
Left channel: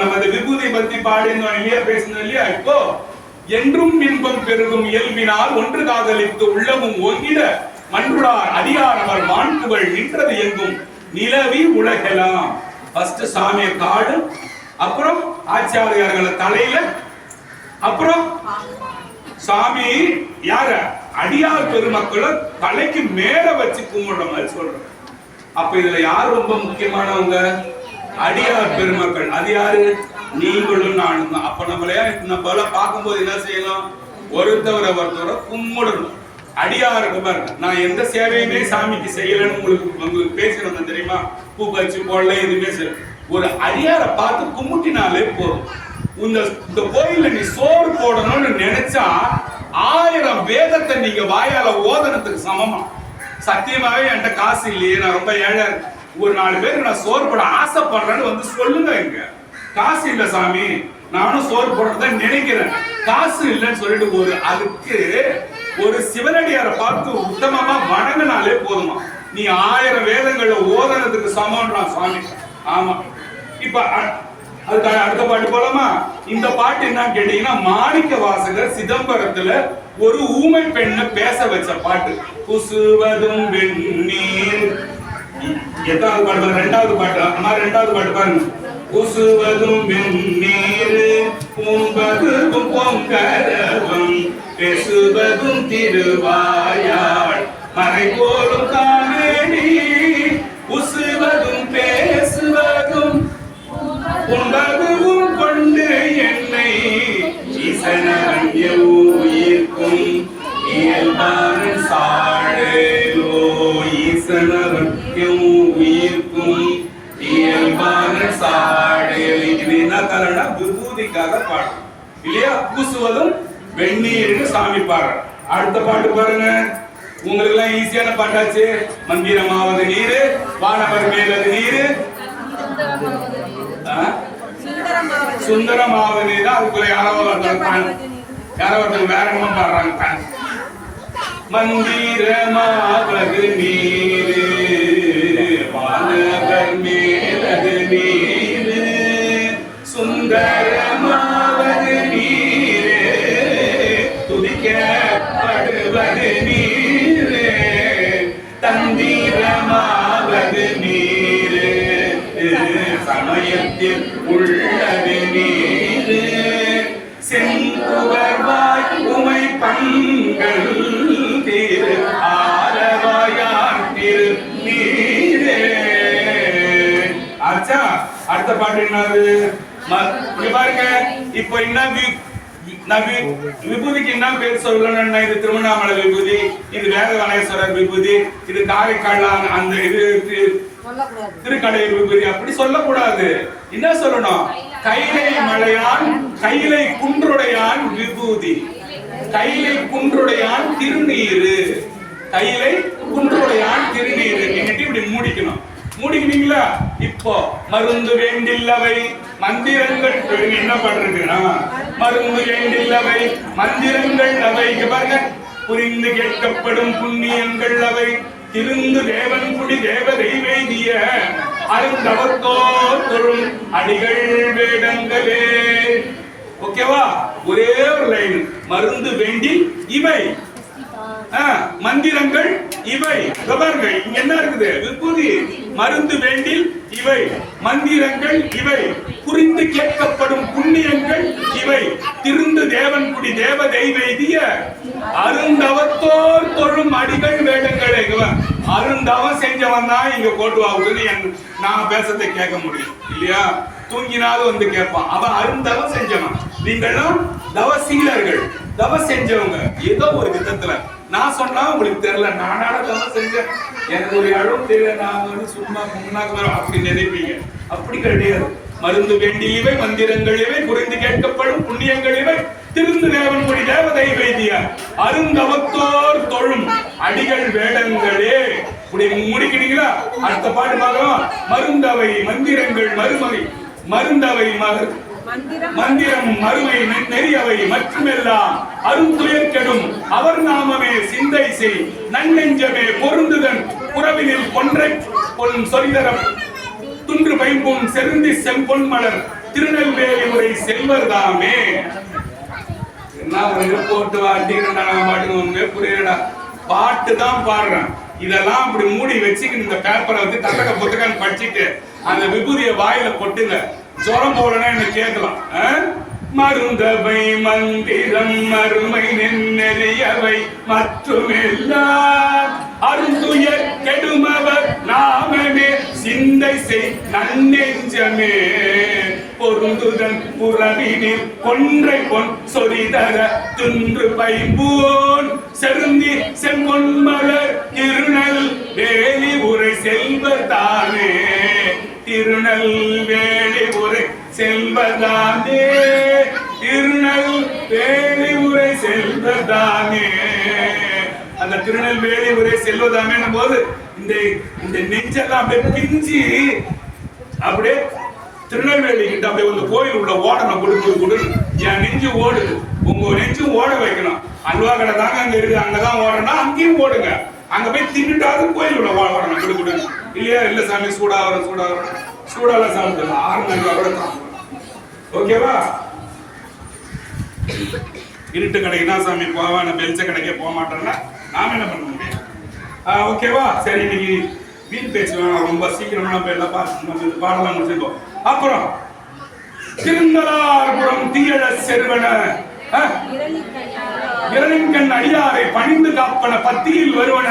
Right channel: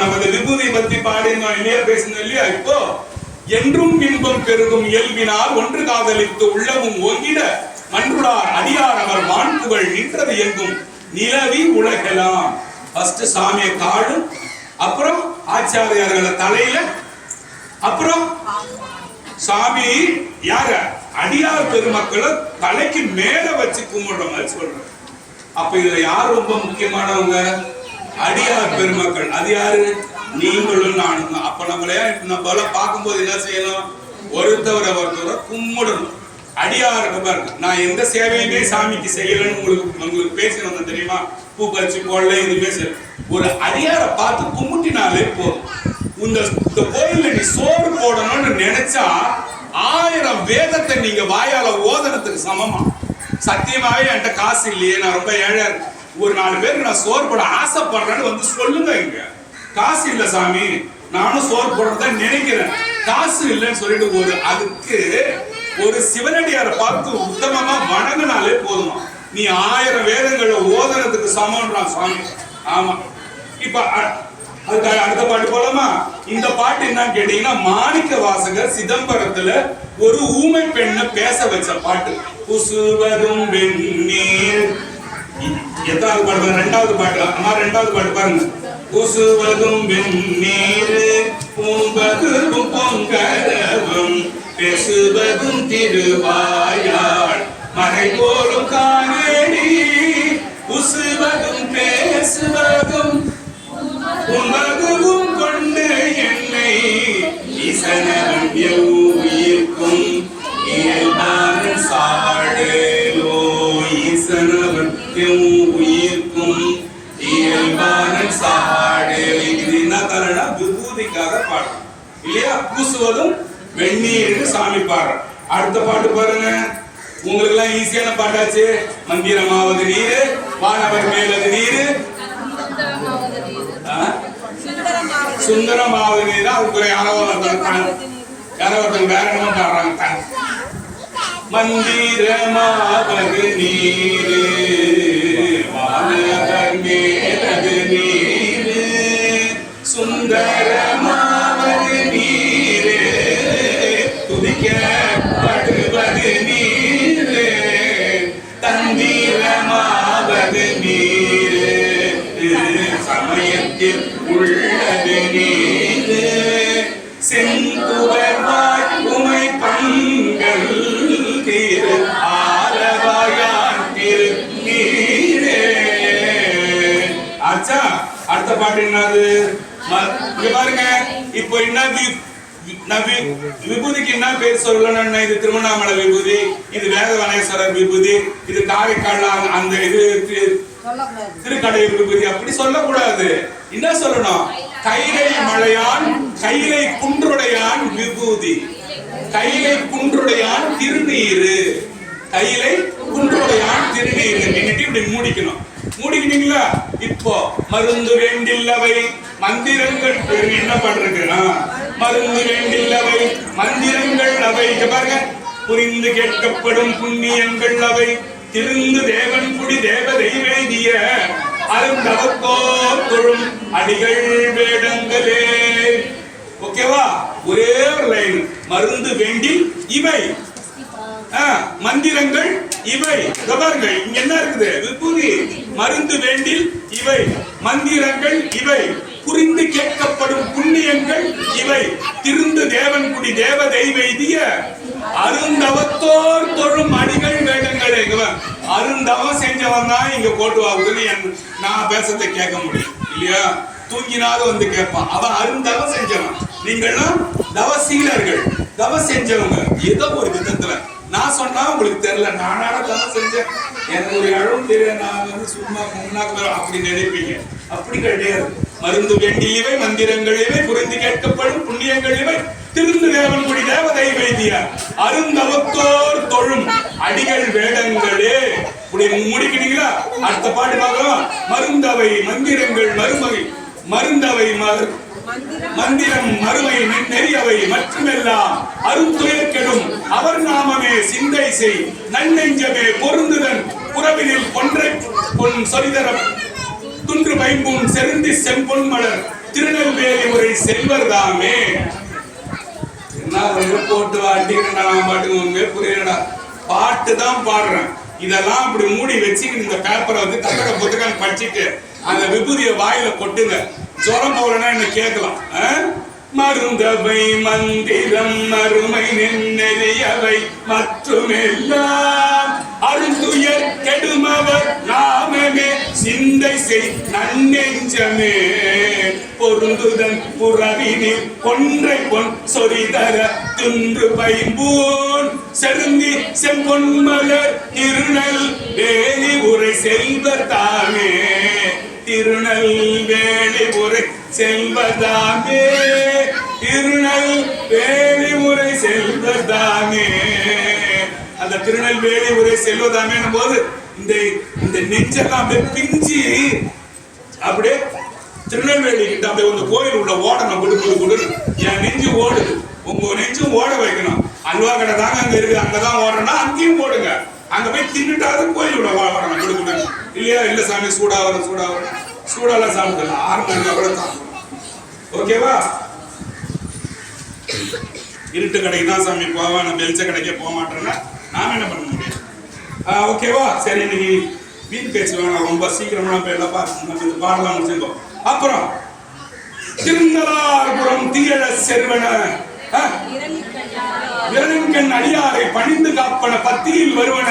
நம்ம இந்த விபூதி பத்தி பாடினோம் இல்லையா, பேசினோம் இல்லையா. இப்போ என்றும் இன்பம் பெருகும் இயல்பினால் ஒன்று காதலித்து உள்ளமும் ஓங்கிட மன்றுளார் அடியார் அவர் வான்புகள் நின்றது எங்கும் நிலவி உலகெல்லாம். ஃபர்ஸ்ட் சாமியை காடு, அப்புறம் ஆச்சாரியார்களை தலையில, அப்புறம் சாமி யார அடியார் பெருமக்களை தலைக்கு மேல வச்சு கும்பிடுற மாதிரி சொல்றேன். அப்ப இதுல யார் ரொம்ப முக்கியமானவங்க? அடியார் பெருமக்கள். அது யாரு? நீங்களும் நானும் தான். அப்ப நம்மள பார்க்கும்போது என்ன செய்யணும்? ஒருத்தவரை கும்பிடணும். அடியாருக்கு பாருங்க, நான் எந்த சேவையுமே சாமிக்கு செய்யலன்னு உங்களுக்கு பேசினோம் தெரியுமா? பூ பறிச்சு போடல, எதுவுமே செய்யல. ஒரு அடியாரை பார்த்து கும்பிட்டினாலே போதும். இந்த கோயில்ல நீ சோறு போடணும்னு நினைச்சா 1000 வேதத்தை நீங்க வாயால ஓதனத்துக்கு சமமா. சத்தியமாவே என்கிட்ட காசு இல்லையே, நான் ரொம்ப ஏழை, ஒரு 4 பேருக்கு நான் சோறு போட ஆசைப்படுறேன்னு வந்து சொல்லுங்க. இங்க காசு இல்ல சாமி, நானும் சோறு போடுறதான் நினைக்கிறேன், காசு இல்லைன்னு சொல்லிட்டு அதுக்கு ஒரு சிவனடியாரை பார்த்து உத்தமமா வணங்கினாலே போதுமா. நீ 1000 வேதங்களை ஓதனத்துக்கு சமம்ன்றான் சுவாமி. ஆமா, இப்ப அதுக்கு அடுத்த பாட்டு போலாமா? இந்த பாட்டு என்னன்னு கேட்டீங்கன்னா, மாணிக்க வாசகர் சிதம்பரத்துல ஒரு ஊமை பெண்ணை பேச வச்ச பாட்டு. குசுவதும் வெந்நீர். எத்தாவது பாட்டு? 2வது பாட்டு. அம்மா 2வது பாட்டு பாருங்க. குசுவதும் வெந்நீர் பூம்பதும் பொங்கரவும் பேசுவதும் திருவாயாள் மறை போலும் காணேடி உசுவதும் பேசுவதும் உண்பதுவும் கொண்டு என்னை ஈசனவன் எவ்வுயிர்க்கும் இயல்பானன் சாழலோ ஈசனவன் எவ்வுயிர்க்கும் இயல்பானன் சாழல். இது என்ன காரணம்னா விபூதிக்காக பாடம் இல்லையா? பூசுவதும் வெந்நீர்னு சாமி பாடுற. அடுத்த பாட்டு பாருங்க, உங்களுக்கு எல்லாம் ஈஸியான பாட்டாச்சு. மந்திரமாவது நீரு வானவர் மேலது நீரு சுந்தரமாவது நீர். அதுக்குள்ள யாரோ ஒருத்தர் வேற என்னமா பாடுறாங்க. மந்திரமாவது நீரு வானவர் மேலது நீரு சுந்தரமாவது நீரு துதிக்கப்படுவது நீரு தந்திரமாவது நீரு சமயத்தில் உள்ளது நீரு செங்குவர்வாய் உமை பங்கள் திரு ஆரவாயான் திரு நீரே. ஆச்சா, அடுத்த பாட்டு என்னது? இங்க பாருங்க, இப்போ என்ன விபூதிக்கு என்ன பேர் சொல்லணும்? இது திருவண்ணாமலை விபூதி, இது வேதவனேஸ்வரர் விபூதி, இது காரைக்கால் அந்த இது திருக்கடையூர் விபூதி. அப்படி சொல்லக்கூடாது. என்ன சொல்லணும்? கைலை மலையான் கைலை குன்றுடையான் விபூதி, கைலை குன்றுடையான் திருநீரு, கைலை குன்றுடையான் திருநீரு. நீங்க இப்படி மூடிக்கணும். மூடிக்கிட்டீங்களா? இப்போ மருந்து வேண்டில்லவை மந்திரங்கள் என்ன பண்றதுன்னா மருந்து வேண்டில்லவை மந்திரங்கள் அவை. இங்க பாருங்க, புரிந்து கேட்கப்படும் புண்ணியங்கள் அவை திருந்து தேவன் குடி தேவ தெய்வேதிய அருந்தவத்தோர் தொழும் அடிகள் வேடங்களே. ஓகேவா? ஒரே ஒரு லைன். மருந்து வேண்டில் இவை மந்திரங்கள் இவை. பாருங்க, இங்க என்ன இருக்குது? விபூதி. மருந்து வேண்டில் இவை மந்திரங்கள் இவை புரிந்து கேட்கப்படும் புண்ணியங்கள் இவை திருந்து தேவன் குடி தேவ தெய்வேதிய அருந்தவத்தோர் தொழும் அடிகள் வேடங்களே. அருந்தவம் செஞ்சவன் தான் இங்க கோட்டுவாவுக்குன்னு நான் பேசத்தை கேட்க முடியும் இல்லையா? தூங்கினாலும் வந்து கேட்பான். அவன் அருந்தவம் செஞ்சவன். நீங்களும் தவசீலர்கள், தவம் செஞ்சவங்க. ஏதோ ஒரு விதத்துல நான் சொன்னா உங்களுக்கு தெரியல, நானால தவம் செஞ்சேன், எனக்கு ஒரு அளவும் தெரியல, நான் வந்து சும்மா முன்னாக்கு அப்படி நினைப்பீங்க. அப்படி கிடையாது. மருந்து வேண்டியவை மந்திரங்கள் இவை புரிந்து கேட்கப்படும் புண்ணியங்கள் இவை திருந்து தேவன் குடி தேவ தெய்வேதிய அருந்தவத்தோர் தொழும் அடிகள் வேடங்களே. முடிக்கிறீங்களா? அடுத்த பாட்டு பார்க்கலாம். மருந்தவை மந்திரங்கள் மறுமகை மருந்தவை மந்திரம் மறுமை நெறியவை மற்றுமெல்லாம் அருந்துயர் கெடும் அவர் நாமமே சிந்தை செய் நன்னெஞ்சமே பொருந்துதன் புறவினில் கொன்றை பொன் சொரிதரம் துன்று பைம்பும் செருந்தி செம்பொன் மலர் திருநெல்வேலி உரை செல்வர்தாமே. என்ன போட்டு வாட்டிக்கிறேன்டா, நான் பாட்டுக்கு ஒண்ணுமே புரியலடா. பாட்டு தான் பாடுறேன். இதெல்லாம் அப்படி மூடி வச்சுக்கிட்டு இந்த பேப்பரை வந்து தத்தக புத்தகம் படிச்சுட்டு அந்த விபூதிய வாயில கொட்டுங்க. ஜுரம் போலனா என்ன கேட்கலாம். மருந்தவை மந்திரம் மறுமை நெறியவை மற்றுமெல்லாம் அருந்துயர் கெடுமவர் நாமமே சிந்தை செய் நன்னெஞ்சமே பொருந்துதன் புறவினில் கொன்றை பொன் சொரிதர துன்று பைம்பூன் செருந்தி செம்பொன் மலர் திருநல் வேலி உரை செல்வர் தாமே திருநெல்வேலி உரை செல்வதாமே திருநெல்வேலி உரை செல்வதாமே. அந்த திருநெல்வேலி உரை செல்வதாமே போது இந்த நெஞ்செல்லாம் அப்படியே பிஞ்சு அப்படியே திருநெல்வேலி கிட்ட அப்படியே இந்த கோயில் உள்ள ஓடணும். கொடுக்குது என் நெஞ்சு ஓடுது, உங்க நெஞ்சும் ஓட வைக்கணும். அல்வா கடை தாங்க அங்க இருக்கு, அங்கதான் ஓடனா அங்கேயும் ஓடுங்க. அங்க போய் தின்னுட்டாவது கோயில் உள்ள ஓடணும். கொடுக்குது இல்லையா? இல்ல சாமி சூடால சாப்பிடலாம், 6 மணி நேரம் கூட சாப்பிடலாம். ஓகேவா? இருட்டு கடைக்கு தான் சாமி போவா, நான் வெளிச்ச கடைக்கே போக மாட்டேன்னா நாம என்ன பண்ண முடியும்? ஓகேவா? சரி, இன்னைக்கு வீண் பேசுவேன். ரொம்ப சீக்கிரமா நம்ம எல்லாம் நம்ம இந்த பாடலாம் முடிச்சிருக்கோம். அப்புறம் திருநள்ளார்புரம் தீயழ செல்வன விரலின்கண் அடியாரை பணிந்து காப்பன பத்தியில் வருவன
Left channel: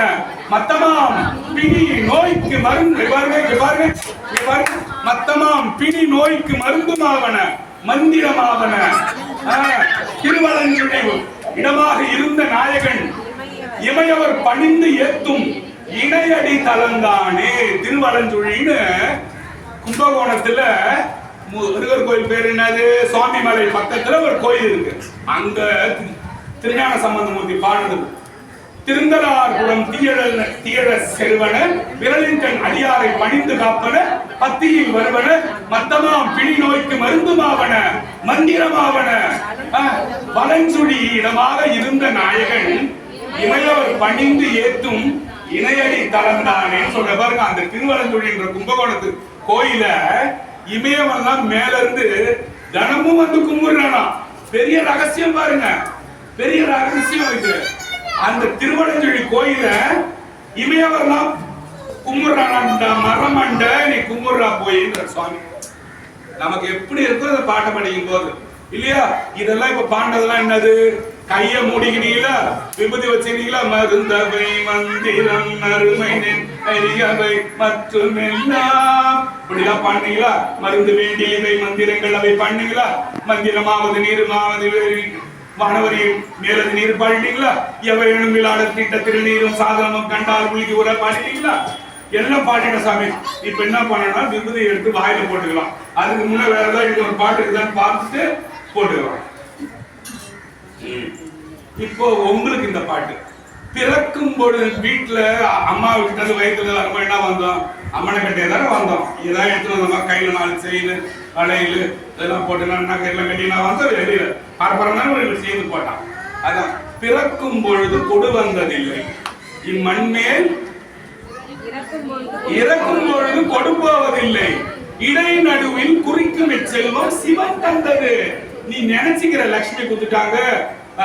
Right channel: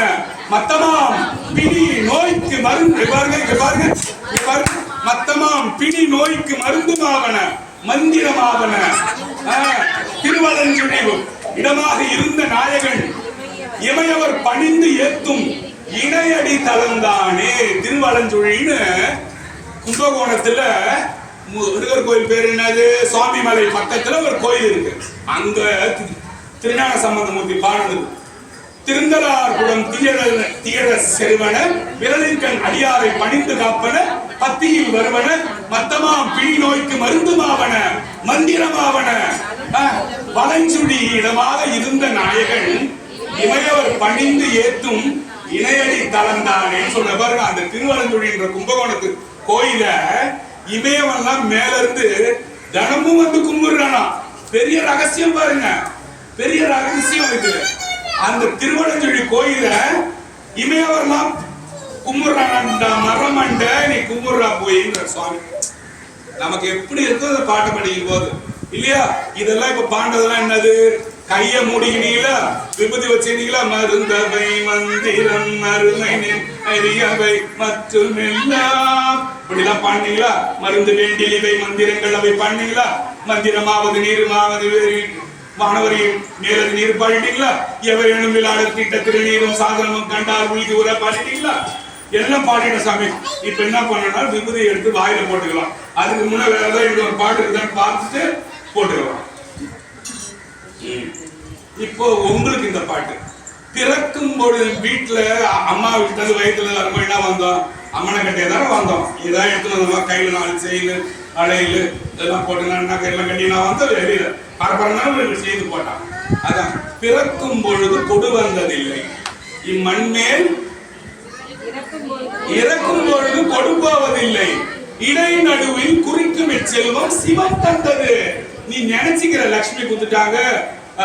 மத்தமாம் பிணி நோய்க்கு மருந்து பாருங்க மத்தமாம் பிணி நோய்க்கு மருந்துமாவன மந்திரமாவன திருவலஞ்சுழிவு இடமாக இருந்த நாயகன் இமையவர் பணிந்து ஏத்தும் இணையடி தலந்தானே. திருவலஞ்சுழின்னு கும்பகோணத்துல முருகர் கோயில் பேர் என்னது, சுவாமிமலை பக்கத்துல ஒரு கோயில் இருக்கு. அங்க திருஞான சம்பந்தமூர்த்தி பாடுது, திருந்தலார் குடம் தீயழ செருவன விரலின்கண் அடியாரை பணிந்து காப்பன பத்தியில் வருவன மத்தமாம் பிணி நோய்க்கு மருந்துமாவன மந்திரமாவன. வலஞ்சுழி இடமாக இருந்த நாயகன் இமையவர் பணிந்து ஏத்தும் இணையடி தலந்தானே சொல்ற பாருங்க. அந்த திருவலஞ்சுழின்ற கும்பகோணத்து கோயில இமயவெல்லாம் மேல இருந்து தினமும் வந்து கும்பிடுறானா. பெரிய ரகசியம் பாருங்க, பெரிய ரகசியம் இது. அந்த திருவலஞ்சுழி கோயில இமயவரெல்லாம் கும்பிடுறானா. மரமண்ட நீ கும்பிடுறா போயின்ற சுவாமி. நமக்கு எப்படி இருக்கும் அந்த பாட்டை படிக்கும் போது இல்லையா? இதெல்லாம் இப்ப பாண்டதெல்லாம் என்னது, கைய மூடிக்கினீங்களா, விபூதி வச்சிருக்கீங்களா, மருந்தவை மந்திரம் அருமை அறியவை மற்றும் எல்லாம் இப்படிலாம் பண்ணீங்களா? மருந்து வேண்டிய இவை மந்திரங்கள் அவை பண்ணீங்களா? மந்திரமாவது நீருமாவது வானவரி மேலது நீர் பாடிட்டீங்களா? எவரேனும் விழாட திட்ட திருநீரும் சாதனமும் கண்டால் உள்கி உர பாடிட்டீங்களா? எல்லாம் பாடிட்டோம் சாமி. இப்ப என்ன பண்ணனா, விபூதி எடுத்து வாயில போட்டுக்கலாம். அதுக்கு முன்ன வேற ஏதாவது ஒரு பாட்டு இருக்குதான்னு பார்த்துட்டு போட்டுக்கலாம். இப்போ உங்களுக்கு இந்த பாட்டு பிறக்கும் பொழுது வீட்டுல அம்மா வீட்டுல இருந்து வயிற்றுல வரும்போது என்ன வந்தோம், அம்மனை கட்டியே தானே வந்தோம். இதான் எடுத்துட்டு வந்தோமா, கையில 4 செயின் அடையில இதெல்லாம் போட்டு எல்லாம் கட்டி நான் வந்தோம். வெளியில பரபரனாலும் செய்து போட்டான். அதான் பிறக்கும் பொழுது கொடு வந்ததில்லை இம்மண்மேல் இறக்கும் பொழுது கொடுப்போவதில்லை இடை நடுவில் குறிக்கும் இச்செல்வம் சிவம் தந்தது. நீ நினைச்சுக்கிற லட்சுமி குத்துட்டாங்க,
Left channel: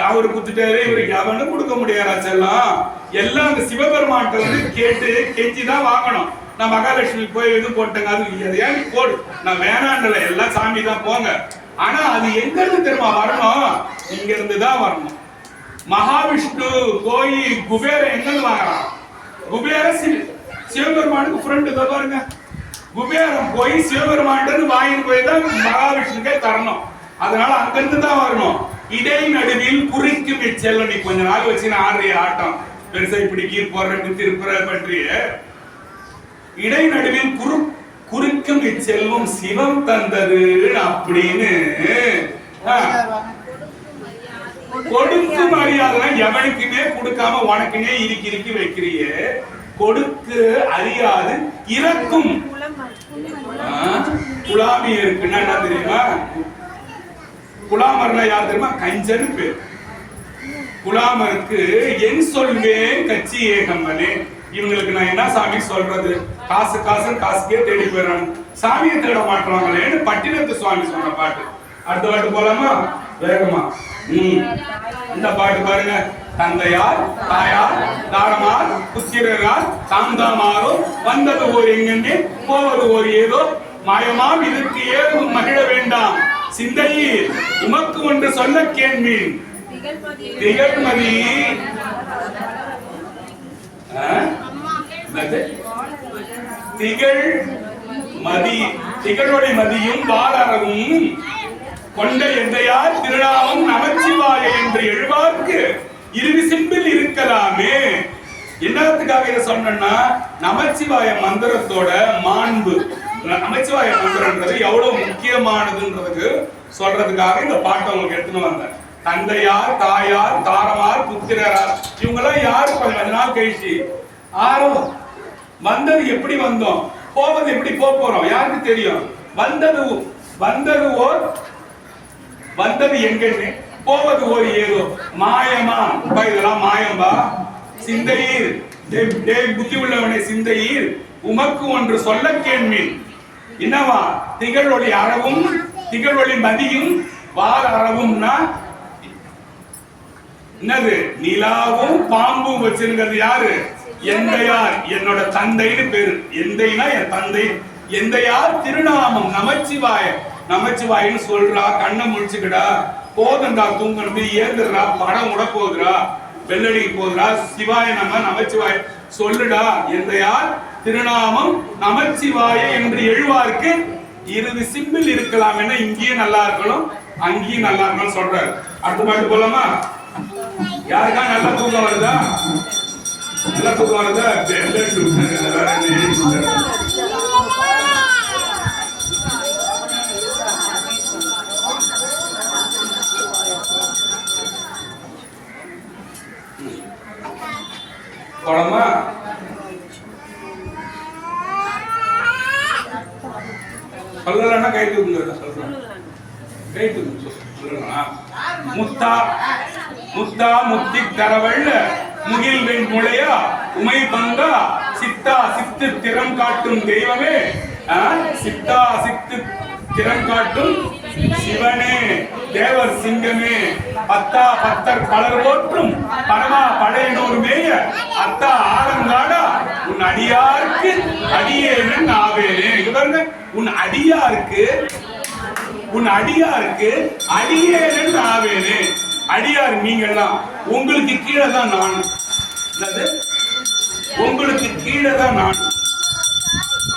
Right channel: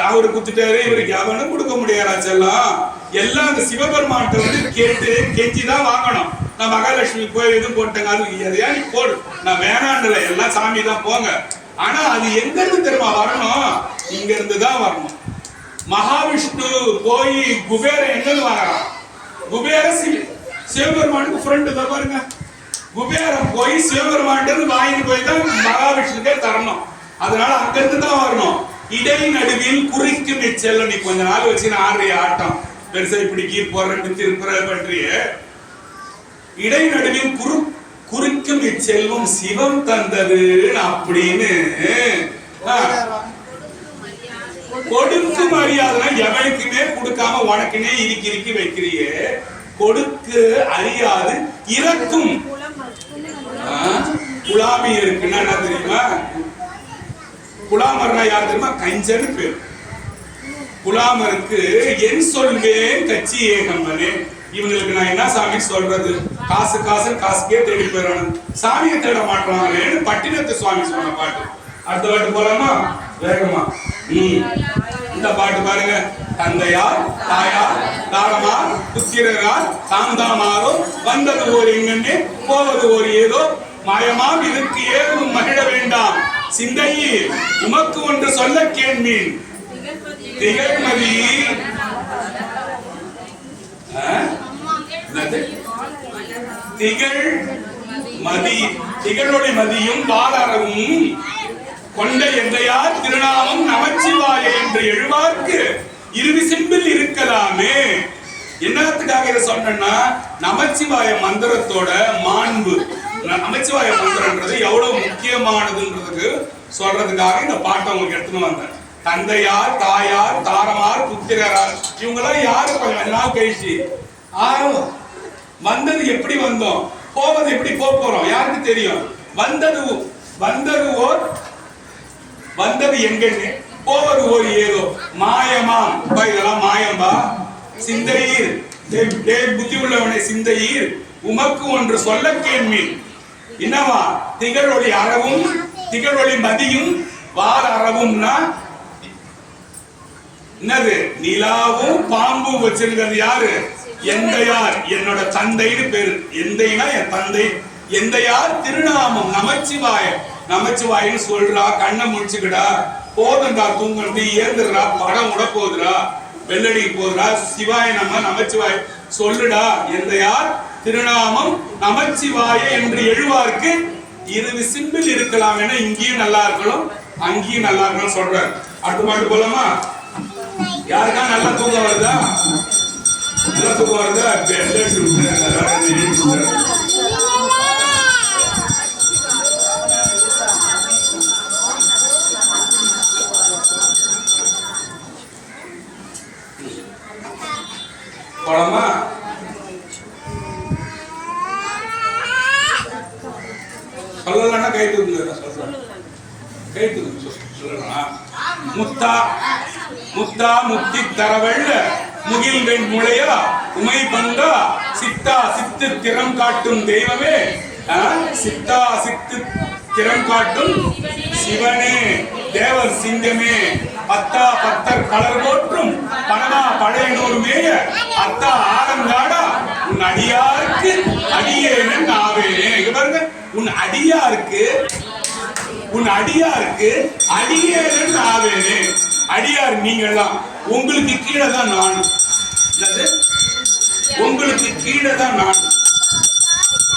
அவரு குத்துட்டாரு, இவருக்கு எவனும் கொடுக்க முடியாதா செல்லம். எல்லாம் அந்த சிவபெருமான்கிட்ட வந்து கேட்டு கெஞ்சிதான் வாங்கணும். நான் மகாலட்சுமி போய் எதுவும் போட்டேங்க, அது எதையா நீ போடு, நான் வேணாண்டல, எல்லாம் சாமி தான் போங்க. ஆனா அது எங்க இருந்து தெரியுமா வரணும், இங்க இருந்து தான் வரணும். மகாவிஷ்ணு போய் குபேரன் எங்க இருந்து வாங்குறான், குபேர சிவபெருமானுக்கு ஃப்ரெண்டு தான் பாருங்க. குபேரன் போய் சிவபெருமான் வாங்கிட்டு போய் தான் மகாவிஷ்ணுக்கே தரணும். அதனால அங்கிருந்து தான் வரணும். இடை நடுவில் குறிக்கும் இச்செல்லம். நீ கொஞ்ச நாள் வச்சு ஆடுறிய ஆட்டம் பெருசா இப்படி கீர் போடுற திருப்புற பண்றிய. இடை நடுவில் குறிக்கும் இச்செல்வம் சிவம் தந்தது அப்படின்னு கொடுக்கும் அறியாதுன்னா எவனுக்குமே கொடுக்காம உனக்குனே இறுக்கி வைக்கிறிய. கொடுக்க அறியாது இறக்கும் குலாமி இருக்குன்னா என்ன தெரியுமா? குலாமர்னா யார் தெரியுமா? கஞ்சன்னு பேர். குலாமருக்கு என் சொல்வேன் கட்சி ஏகம்பனே. இவங்களுக்கு நான் என்ன சாமி சொல்றது, காசு காசுக்கே தேடி போயிடறானு, சாமியை தேட மாட்டாங்களேன்னு பட்டினத்து சுவாமி சொன்ன பாட்டு. அடுத்த பாட்டு போலாமா வேகமா? இந்த பாட்டு பாருங்க. தந்தையார் தாயார் தாரமார் புத்திரரார் தாம்தாமாரோ வந்தது ஓர் எங்கன்னே போவது ஓர் ஏதோ மாயமாம் இதற்கு ஏதும் மகிழ வேண்டாம் சிந்தையில் உமக்கு ஒன்று சொல்ல கேள்மீன் திகழ்மதி. திகழ் மதி திகழொளி மதியும் வாளரவும் கொண்ட எந்தையார் திருநாமம் நமச்சிவாய என்று எழுவார்க்கு இருவி சிம்பில் இருக்கலாமே. என்னத்துக்காக இதை சொன்னா, நமச்சிவாய மந்திரத்தோட மாண்பு, நமச்சிவாய மந்திரன்றது எவ்வளவு முக்கியமானதுன்றதுக்கு சொல்றதுக்காக இந்த பாட்டை உங்களுக்கு எடுத்துன்னு வந்தேன். தந்தையார் தாயார் தாரமார் புத்திரரார் இவங்கெல்லாம் யாரு? கொஞ்ச நாள் கழிச்சு ஆறும் வந்தது. எப்படி வந்தோம், போவது எப்படி போறோம் யாருக்கு தெரியும்? வந்தது எங்கன்னு, போவது ஓர் ஏதோ மாயமாம். இதெல்லாம் மாயம்பா. சிந்தையீர் புத்தி உள்ளவனை சிந்தையீர் உமக்கு ஒன்று சொல்ல கேள்மீன். என்னவா? திகழொளி அறவும் திகழொளி மதியும் வார் அறவும்னா என்னது? நிலாவும் பாம்பும் வச்சிருக்கிறது யாரு? எந்தையார், என்னோட தந்தைன்னு பேரு. எந்தைனா என் தந்தை. எந்தையார் திருநாமம் நமச்சிவாய. நமச்சிவாயின்னு சொல்றா, கண்ணை முடிச்சுக்கடா, போதண்டா தூங்கண்டு ஏந்துடுறா, படம் உட போகுதுடா, வெள்ளடிக்கு போகுதுடா, சிவாய நமச்சிவாய் சொல்லுடா என்ற யார் திருநாமம் நமச்சிவாய என்று எழுவார்க்கு இறுதி சிம்பிள் இருக்கலாம் என இங்கேயும் நல்லா இருக்கணும் அங்கேயும் நல்லா இருக்கணும் சொல்றாரு. அடுத்த பாட்டு போலாமா? யாருக்கா நல்லா தூக்கம் வருதா? நல்லா தூக்கம் வருதா? படமா சொல்லலன்னா கை தூக்குங்க, சொல்றேன் கை தூக்கு சொல்லலாம். முத்தா முத்தா முத்தி தரவெள்ள முகில் வெண் முளையா உமை பங்கா சித்தா சித்து திறம் காட்டும் தெய்வமே, சித்தா சித்து திறம் காட்டும் சிவனே தேவர் சிங்கமே, பத்தா பத்தர் பலர் போற்றும் பரமா படையனோர் மேய அத்தா ஆலங்காடா உன் அடியாருக்கு அடியேன் ஆவேனே. இங்க பாருங்க, உன் அடியாருக்கு அடியேன் ஆவேனே. அடியார் நீங்கள்லாம், உங்களுக்கு கீழே தான் நான், உங்களுக்கு கீழே தான் நான்,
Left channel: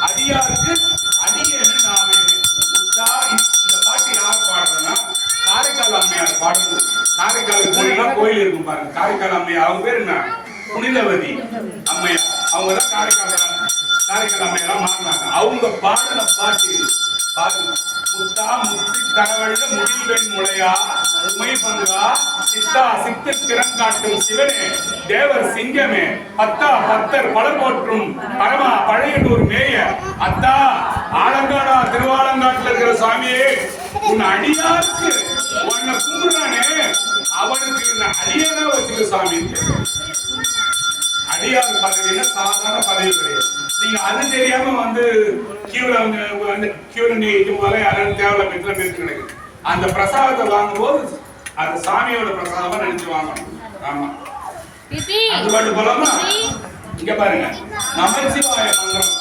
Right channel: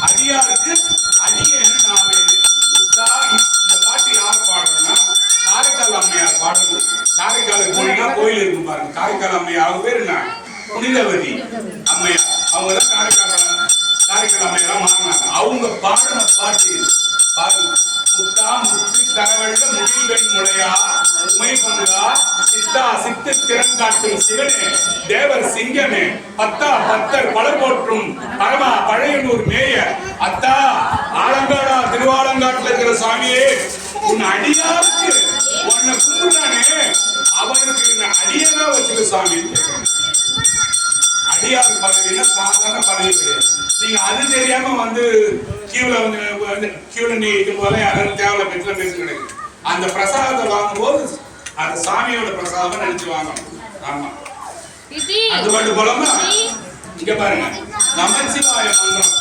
அடியாருக்கு அடியேன் ஆவேனே. இந்த பாட்டு யார் பாடுறதுன்னா காரைக்கால் அம்மையார் பாடுறது. காரைக்காலுக்கு போனீங்கன்னா கோயில் இருக்கும் பாருங்க, காரைக்கால் அம்மையார், அவங்க பேர் என்ன, புனிதவதி அம்மையார், அவங்க தான் காரைக்கால் அம்மையாரா மாறினாங்க. அவங்க பாடின பாட்டு பாருங்க. முத்தா முத்தி தரவெள்ள முகில் வெண் முளையா உமை பங்கா சித்தா சித்து திறம் காட்டும் சிவனே தேவர் சிங்கமே, பத்தா பத்தர் பலர் போற்றும் பரமா பழையனூர் மேய அத்தா ஆலங்காடா திருவாலங்காட்டுல இருக்கிற சாமியே உன் அடியாருக்கு உன்னை கும்பிடுறானே அவனுக்கு அடியானா வச்சுக்க சாமி. அடியார் பதவினா சாதாரண பதவி கிடையாது. நீங்க அது தெரியாம வந்து கியூல நீ இது போல யாரும் தேவையில்ல பேச கிடையாது. அந்த பிரசாதத்தை வாங்கும் போது அந்த சாமியோட பிரசாதமா நினைச்சு வாங்கணும். ஆமா, அது பாட்டு போலாமா? இங்க பாருங்க, நமச்சிவாய மந்திரம்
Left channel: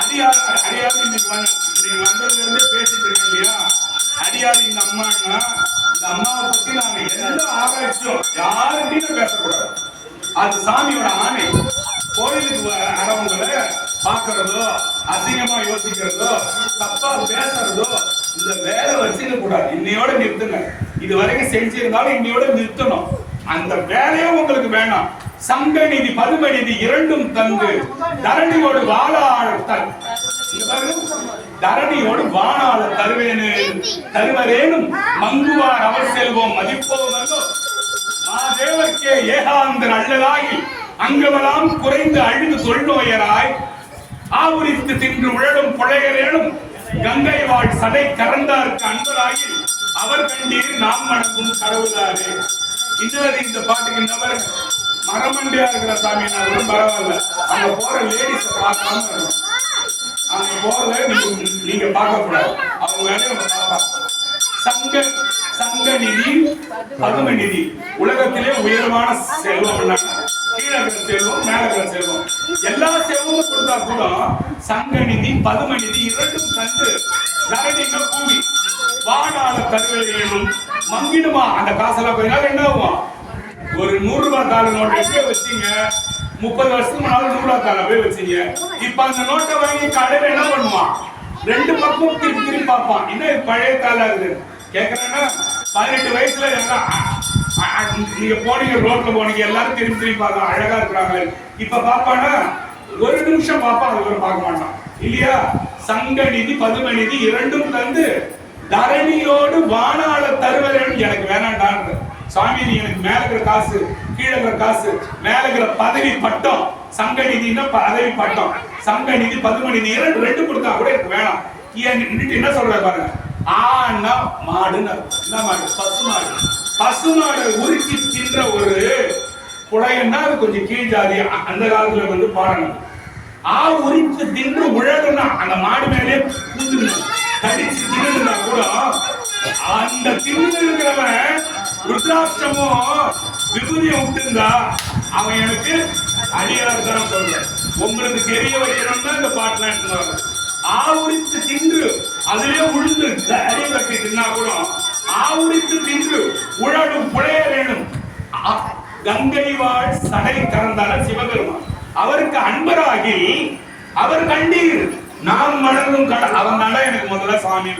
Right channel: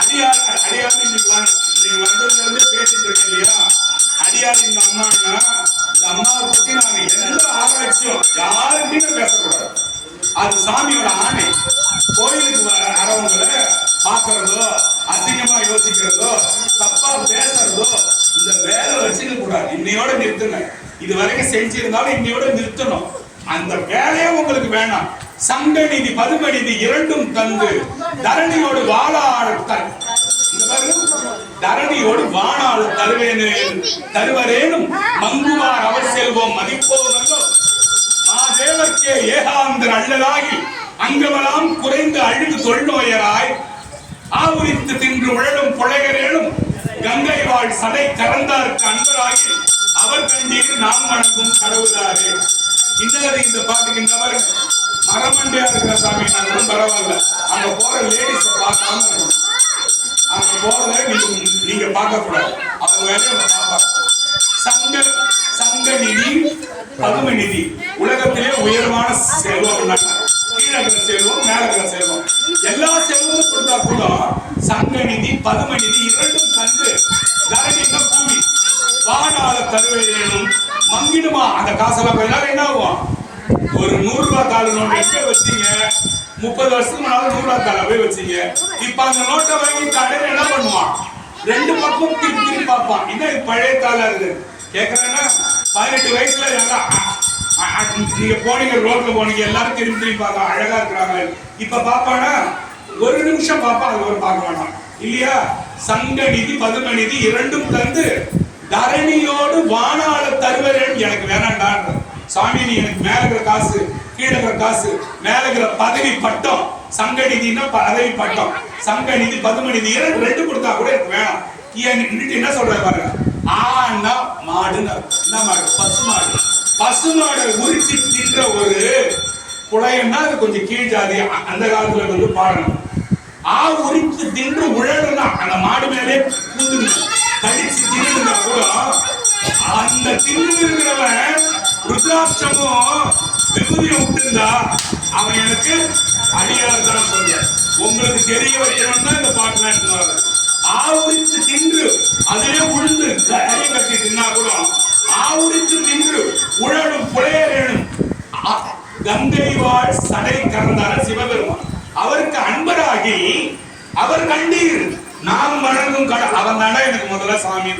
அடியார் இன்னைக்கு வந்ததுல இருந்து பேசிட்டு இருக்கேன் இல்லையா? அடியார் இந்த அம்மான்னா, இந்த அம்மாவை பத்தி நாங்க எந்த ஆராய்ச்சியும் யாருக்கிட்டையும் பேசக்கூடாது. அது சாமியோட ஆணை. கோயிலுக்கு வரவங்களை பாக்குறதோ அசிங்கமா யோசிக்கிறதோ தப்பா பேசுறதோ இந்த வேலை வச்சுக்க கூடாது. இன்னையோட நிறுத்துங்க. இது வரைக்கும் செஞ்சிருந்தாலும் இன்னையோட நிறுத்தணும். அந்த வேலையே உங்களுக்கு வேணாம். சங்கநிதி பதுமநிதி இரண்டும் தந்து தரணியோடு வாழாள தரணியோடு வாழாள தருவரேனும் மங்குவார் அவர் செல்வோம் மதிப்போவல்லோ மாதேவர்க்கே ஏகாந்தன் அல்லதாகி அங்கவலாம் குறைந்து அழுகு தொல்நோயராய் ஆவுரித்து தின்று உழலும் புழையரேனும் கங்கை வாழ் சடை கறந்தாருக்கு அன்பராகி அவர் கண்டீர் நாம் வணங்கும் கடவுளாரே. இந்த பாட்டுக்கு நபர் மரமண்டியா இருக்கிற சாமி பரவாயில்ல, அங்க போற லேடிஸ பார்க்காம இருக்கணும். அங்க போறத நீங்க பார்க்க கூடாது, அவங்க வேலையை பார்ப்பாங்க. சங்கநிதி பதுமநிதி உலகத்திலே உயர்வான செல்வம். கீழகிற செல்வம் மேலகிற செல்வம் எல்லா செல்வமும் கொடுத்தா கூட சங்கநிதி பதுமநிதி இரண்டும் தந்து தரணிங்க பூமி வாடாள தருவேனும் மங்கிடுமா. அந்த காசெல்லாம் கொஞ்ச நாள் என்ன ஆகும்? ஒரு 100 ரூபாய் தாள் நோட்டை எங்கே வச்சீங்க? 30 வருஷத்துக்கு முன்னால 100 ரூபாய் தாளை போய் வச்சீங்க. இப்ப அந்த நோட்டை வாங்கி கடையில் என்ன பண்ணுவான்? 2 பக்கம் திருப்பி பார்ப்பான். இன்னும் பழைய தாளா இருக்கு கேட்கறேன்னா 18 வயசுல நீங்க போனீங்க, ரோட்ல போனீங்க, எல்லாரும் திரும்பி பார்த்தா அழகா இருக்கிறாங்க. இப்ப பாப்பானா 1 நிமிஷம் பாப்பா, அது ஒரு பார்க்க மாட்டான் இல்லையா? சங்கநிதி பதுமநிதி இரண்டும் தந்து தரணியோடு வானாள தருவரேன். எனக்கு வேணாண்டான்ற சாமி, நீ எனக்கு மேல இருக்கிற காசு கீழே இருக்கிற காசு மேல இருக்கிற பதவி பட்டம், சங்கநிதினா பதவி பட்டம், சங்கநிதி பதுமநிதி ரெண்டு கொடுத்தா கூட எனக்கு வேணாம். என்ன சொல்ற பாருங்க, ஆனா மாடுன்னு என்ன மாடு? பசுமாடு. பசுமாடை உரிச்சி தின்ற ஒரு புலையன்னா அது கொஞ்சம் கீழ் ஜாதி. அந்த காலத்துல வந்து பாடணும். உரித்து தின்று உழலுன்னா அந்த மாடு மேலே பூந்துக்கணும். கடிச்சு தின்னுனா கூட அந்த தின்னு இருக்கிறவன் ருத்ராட்சமும் விபூதியும் விட்டுருந்தா அவன் எனக்கு அடியார் தான் சொல்ற. உங்களுக்கு தெரிய வைக்கணும்னா இந்த பாட்டுலாம் எடுத்துவாங்க. ஆவுரித்து தின்று அதிலே உழுந்து கரையை கட்டி தின்னா கூட ஆவுரித்து நின்று உழலும் புலையரேனும் கங்கை வாழ் சடை கறந்தார சிவபெருமான். அவருக்கு அன்பராகி அவர் கண்டீர் நாம் வணங்கும் அவன் தாண்டா எனக்கு முதல்ல சாமி,